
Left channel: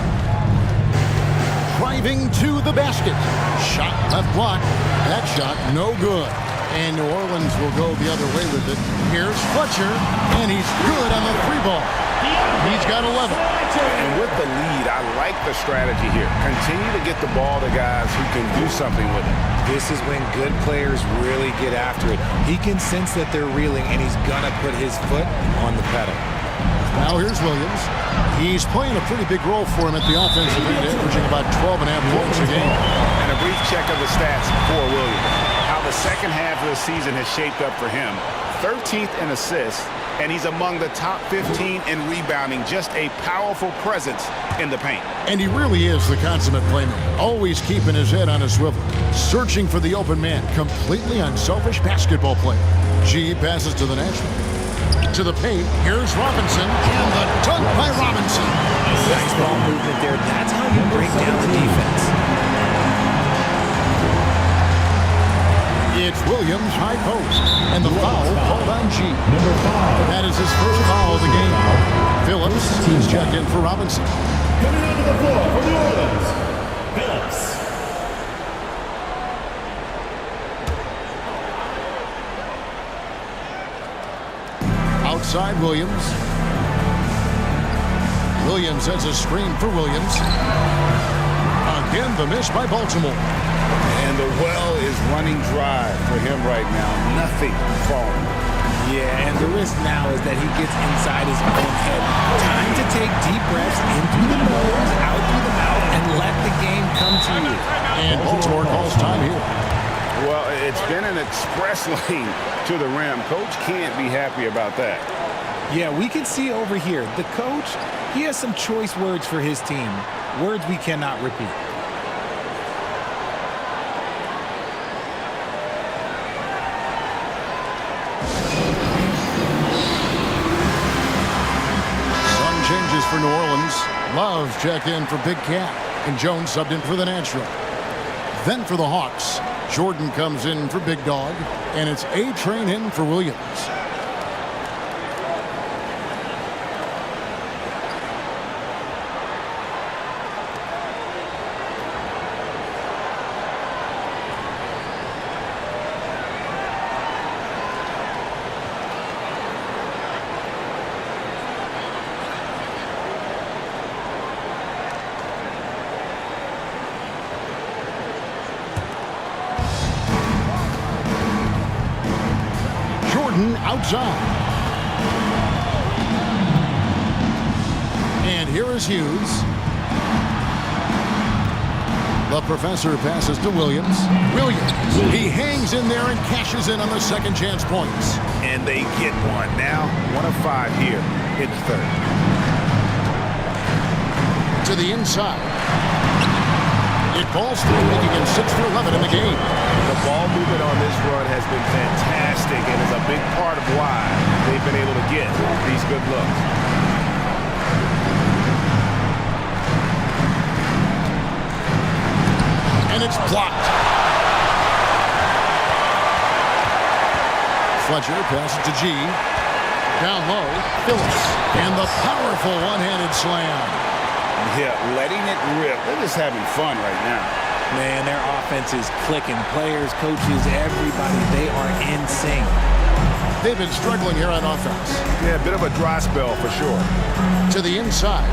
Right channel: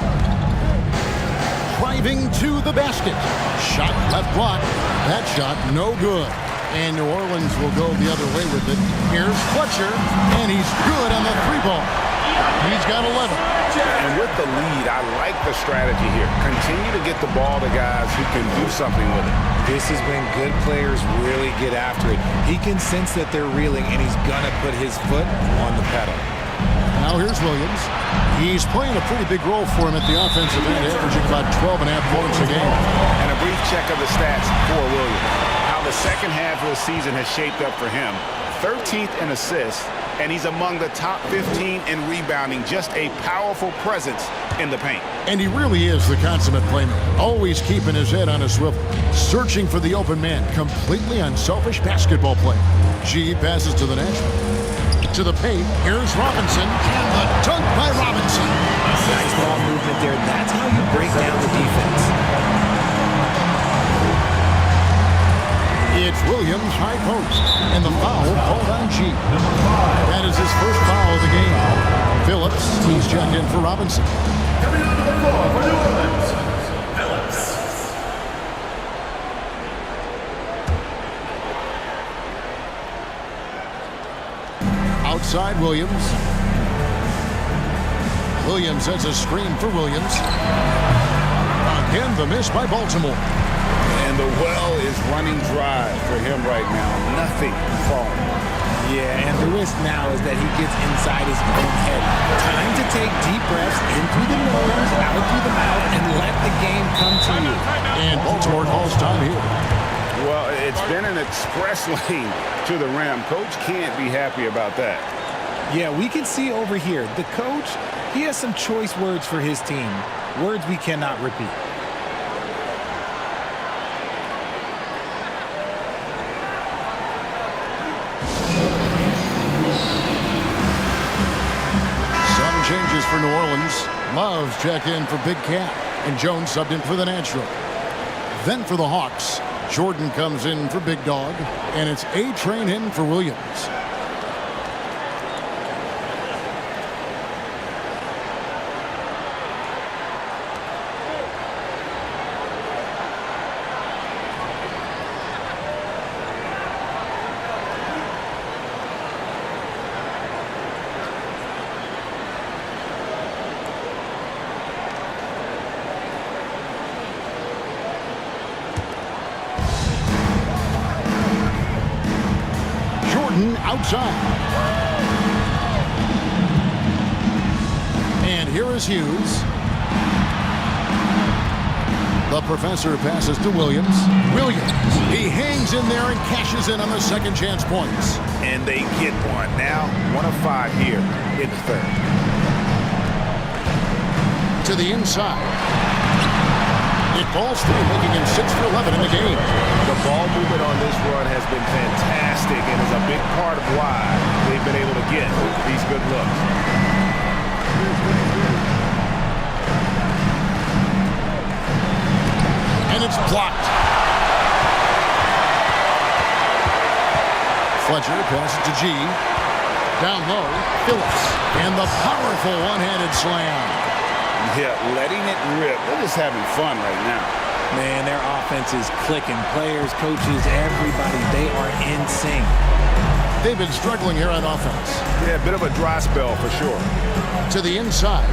Driving to the basket. Shot left block. That shot no good. And New Orleans will go the other way with it. Here's Fletcher, and he's good on the 3-ball. He's got 11. And with the lead, I like the strategy here. Continue to get the ball to guys who can do something with it. This is when good players really get after it. He can sense that they're reeling, and he's going to put his foot on the pedal. Now here's Williams. He's playing a pretty big role for him at the offensive end, averaging about 12.5 points a game. And a brief check of the stats for Williams. How the second half of the season has shaped up for him. 13th in assists, and he's among the top 15 in rebounding. Just a powerful presence in the paint. And he really is the consummate playmaker, always keeping his head on a swivel, searching for the open man, completely unselfish basketball player. G passes to the natural. To the paint, here's Robinson, and the dunk by Robinson. Nice ball movement there. That's how you break down the defense. It's Williams, high post, and the foul called on G. Number 5. That is his first foul of the game. Phillips, he's checked in for Robinson. Coming onto the floor for New Orleans, Phillips. Outside Williams. Williams sets a screen for Williams. Again, the miss by Baltimore. And the well is running dry for him right now. Nothing falling. Yeah, and the risk now is that he gets inside his own head. Time to take deep breaths in through the nose, out through the mouth, and let the game come to you. And Baltimore calls time here. Well, it's been an express lane to the rim. Coach can't be happy about that. Yeah, we can see over here, the coach, he has some choice words for his team. Words we cannot repeat. Some changes for New Orleans. Love checked in for Big Cat, and Jones subbed in for the natural. Then for the Hawks, Jordan comes in for Big Dog, and it's A-Train in for Williams. Jordan outside. And here is Hughes. The professor passes to Williams. Williams, he hangs in there and cashes in on the second chance points. And they get one. Now 1 of 5 here in the third. To the inside. It falls through, making him 6 for 11 in the game. The ball movement on this run has been fantastic and is a big part of why they've been able to get these good looks. And it's blocked. Fletcher passes to G. Down low, Phillips. And the powerful one-handed slam. Yeah, letting it rip. They're just having fun right now. Man, their offense is clicking. Players, coaches, everybody, they are in sync. They've been struggling here on offense. Yeah, a bit of a dry spell for sure. To the inside.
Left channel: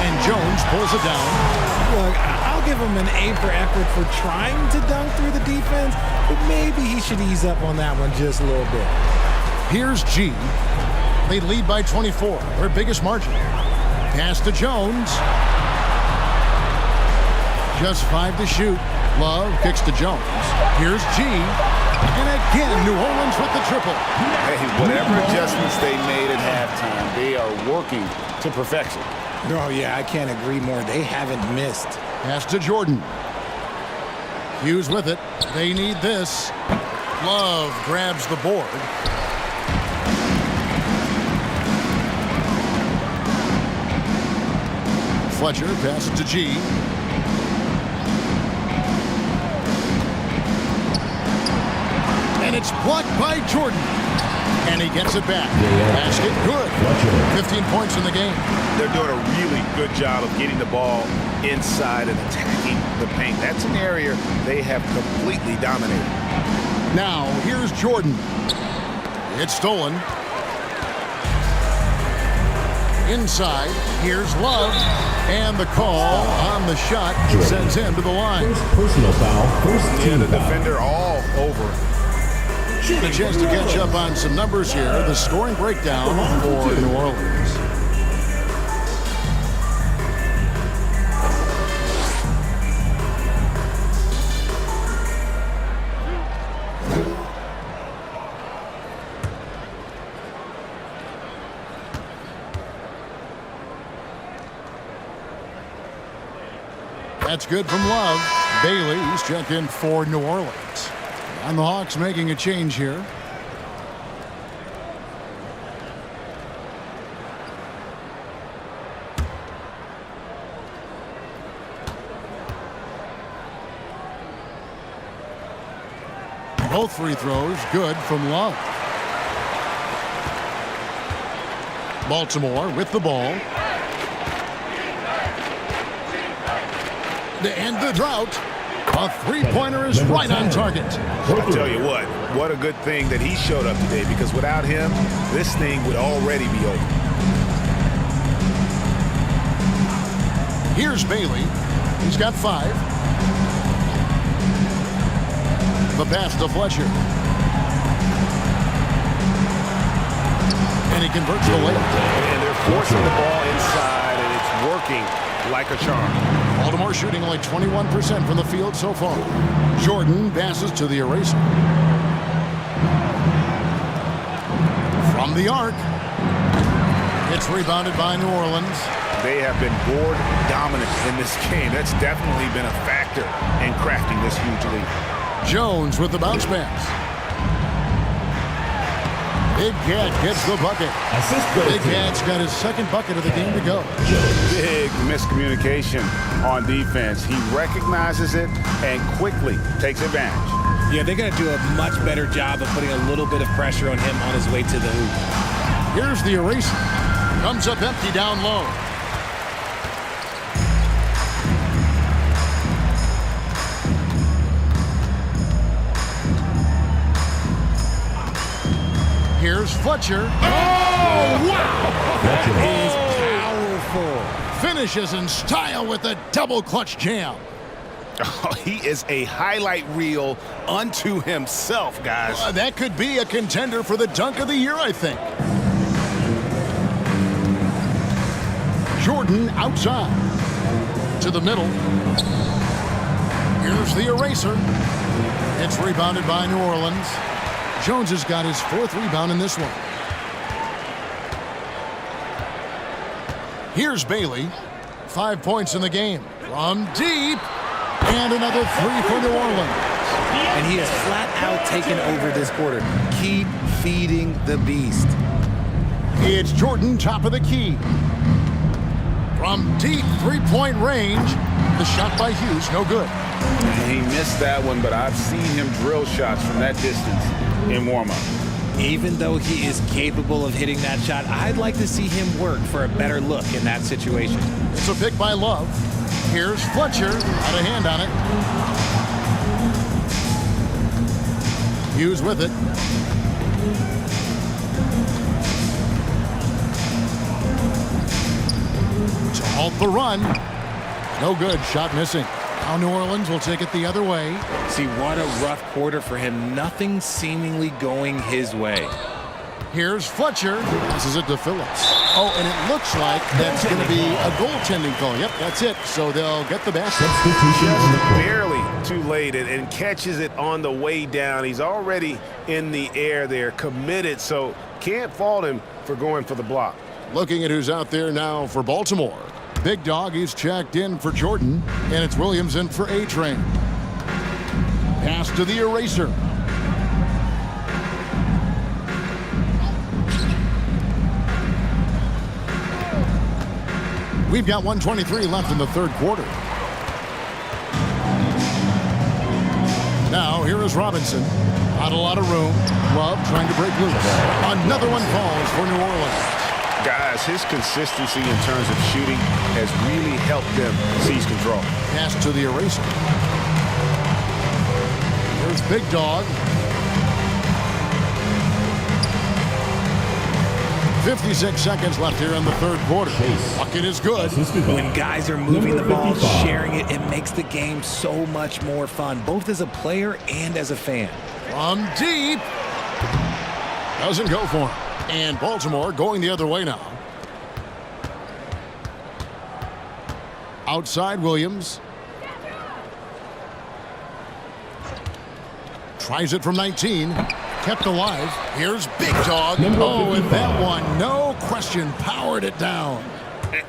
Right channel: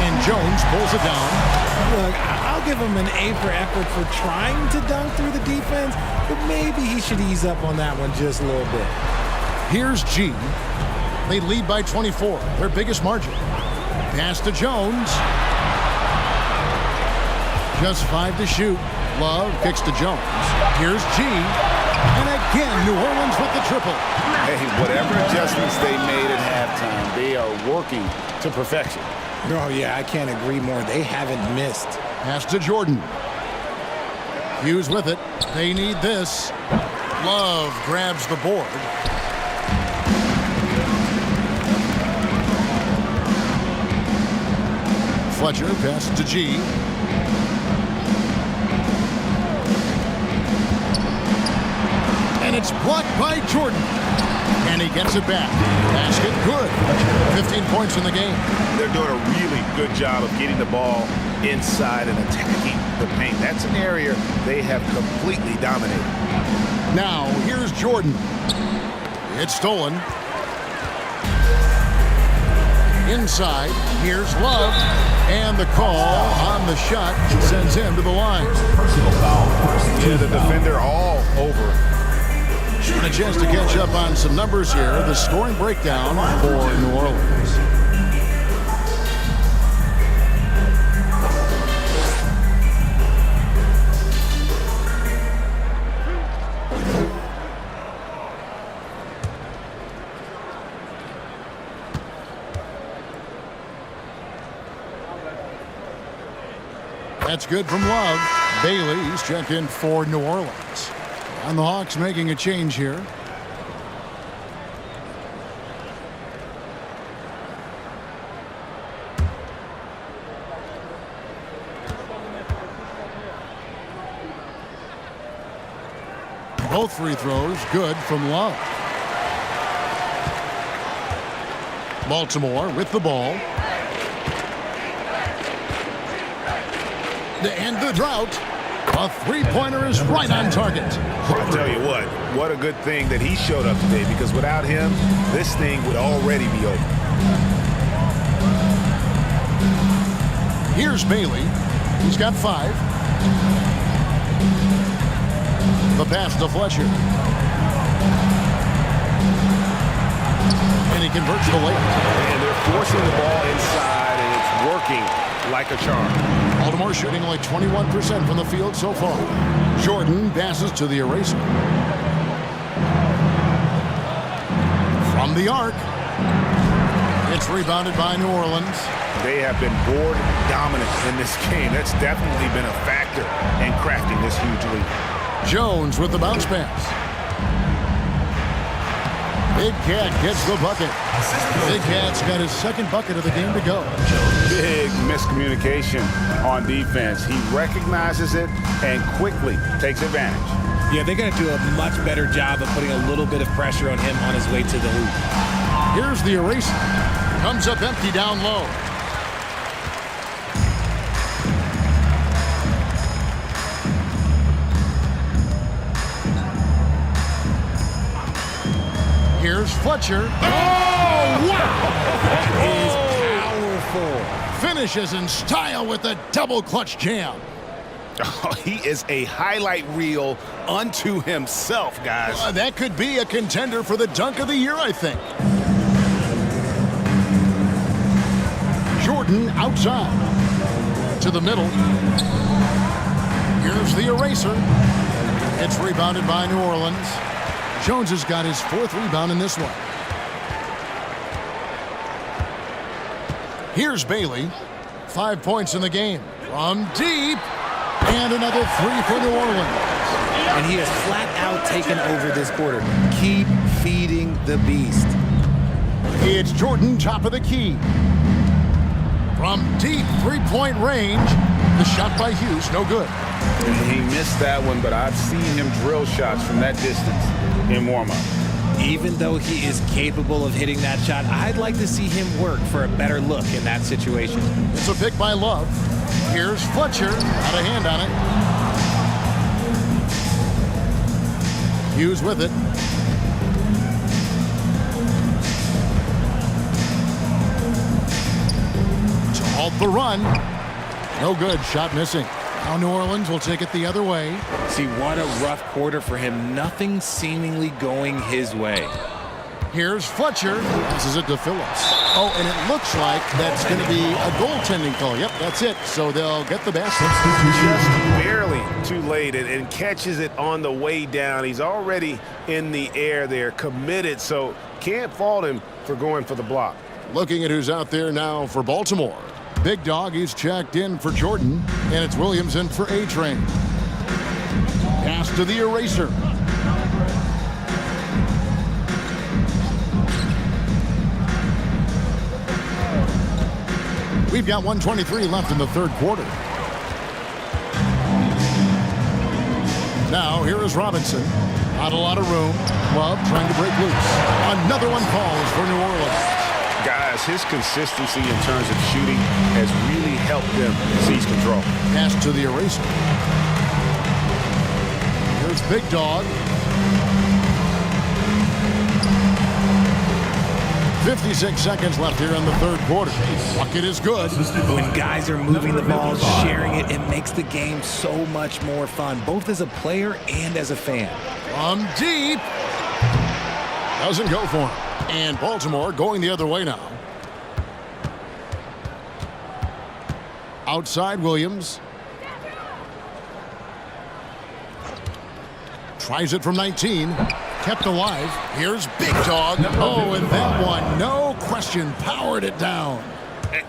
And Jones pulls it down. Look, I'll give him an A for effort for trying to dunk through the defense, but maybe he should ease up on that one just a little bit. Here's G. They lead by 24, their biggest margin. Pass to Jones. Just 5 to shoot. Love kicks to Jones. Here's G. And again, New Orleans with the triple. Hey, whatever adjustments they made at halftime, they are working to perfection. Oh, yeah, I can't agree more. They haven't missed. Pass to Jordan. Hughes with it. They need this. Love grabs the board. Fletcher passes to G. And it's blocked by Jordan. And he gets it back. Basket good. 15 points in the game. They're doing a really good job of getting the ball inside and attacking the paint. That's an area they have completely dominated. Now, here's Jordan. It's stolen. Inside, here's Love. And the call on the shot sends him to the line. Personal foul. Yeah, the defender all over. And a chance to catch up on some numbers here. The scoring breakdown for New Orleans. That's good from Love. Bailey's checked in for New Orleans. And the Hawks making a change here. Both free throws good from Love. Baltimore with the ball. To end the drought. A three-pointer is right on target. I tell you what a good thing that he showed up today, because without him, this thing would already be over. Here's Bailey. He's got 5. The pass to Fletcher. And he converts the layup. And they're forcing the ball inside, and it's working like a charm. Baltimore shooting only 21% from the field so far. Jordan passes to the eraser. From the arc. It's rebounded by New Orleans. They have been board dominant in this game. That's definitely been a factor in crafting this huge lead. Jones with the bounce pass. Big Cat gets the bucket. Big Cat's got his second bucket of the game to go. Big miscommunication on defense. He recognizes it and quickly takes advantage. Yeah, they're going to do a much better job of putting a little bit of pressure on him on his way to the hoop. Here's the eraser. Comes up empty down low. Here's Fletcher. Oh, wow! That is powerful. Finishes in style with a double clutch jam. Oh, he is a highlight reel unto himself, guys. That could be a contender for the dunk of the year, I think. Jordan outside. To the middle. Here's the eraser. It's rebounded by New Orleans. Jones has got his 4th rebound in this one. Here's Bailey. 5 points in the game. From deep. And another 3 for New Orleans. And he has flat out taken over this quarter. Keep feeding the beast. It's Jordan, top of the key. From deep 3-point range. The shot by Hughes, no good. He missed that one, but I've seen him drill shots from that distance in warm-up. Even though he is capable of hitting that shot, I'd like to see him work for a better look in that situation. It's a pick by Love. Here's Fletcher, out of hand on it. Hughes with it. To halt the run. No good, shot missing. Now New Orleans will take it the other way. See, what a rough quarter for him. Nothing seemingly going his way. Here's Fletcher. Passes it to Phillips. Oh, and it looks like that's going to be a goaltending call. Yep, that's it. So they'll get the basket. Just barely too late and catches it on the way down. He's already in the air there, committed, so can't fault him for going for the block. Looking at who's out there now for Baltimore. Big Dog, he's checked in for Jordan, and it's Williams in for A-Train. Pass to the eraser. We've got 1:23 left in the 3rd quarter. Now, here is Robinson. Not a lot of room. Love trying to break loose. Another one falls for New Orleans. Guys, his consistency in terms of shooting has really helped them seize control. Pass to the eraser. Here's Big Dog. 56 seconds left here in the 3rd quarter. Bucket is good. When guys are moving the ball, sharing it, it makes the game so much more fun, both as a player and as a fan. From deep. Doesn't go for him. And Baltimore going the other way now. Outside Williams. Tries it from 19. Kept alive. Here's Big Dog. Oh, and that one, no question, powered it down.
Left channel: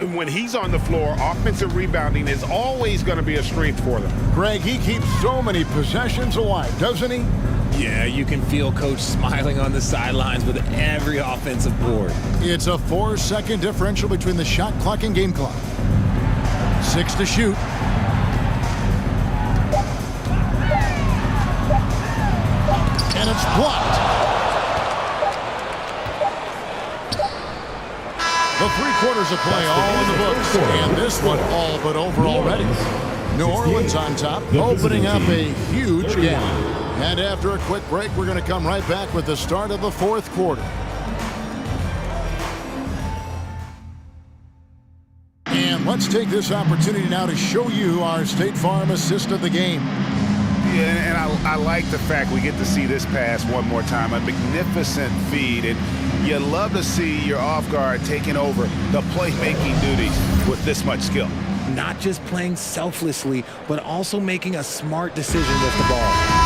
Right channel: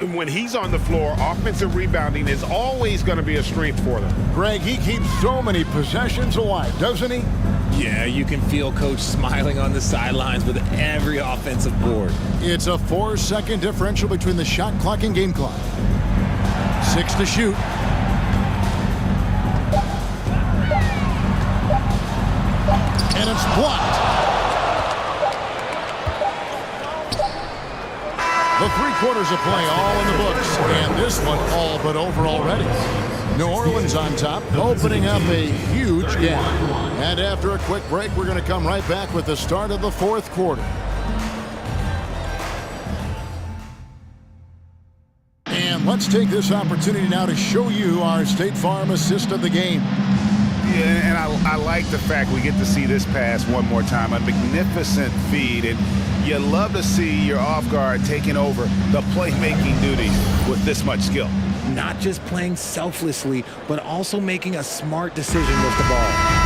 And when he's on the floor, offensive rebounding is always going to be a strength for them. Greg, he keeps so many possessions alive, doesn't he? Yeah, you can feel Coach smiling on the sidelines with every offensive board. It's a 4-second differential between the shot clock and game clock. 6 to shoot. And it's blocked. The 3 quarters of play all in the books. And this one all but over already. New Orleans on top, opening up a huge gap. And after a quick break, we're going to come right back with the start of the 4th quarter. And let's take this opportunity now to show you our State Farm assist of the game. Yeah, and I like the fact we get to see this pass one more time. A magnificent feed, and you love to see your off guard taking over the playmaking duties with this much skill. Not just playing selflessly, but also making a smart decision with the ball.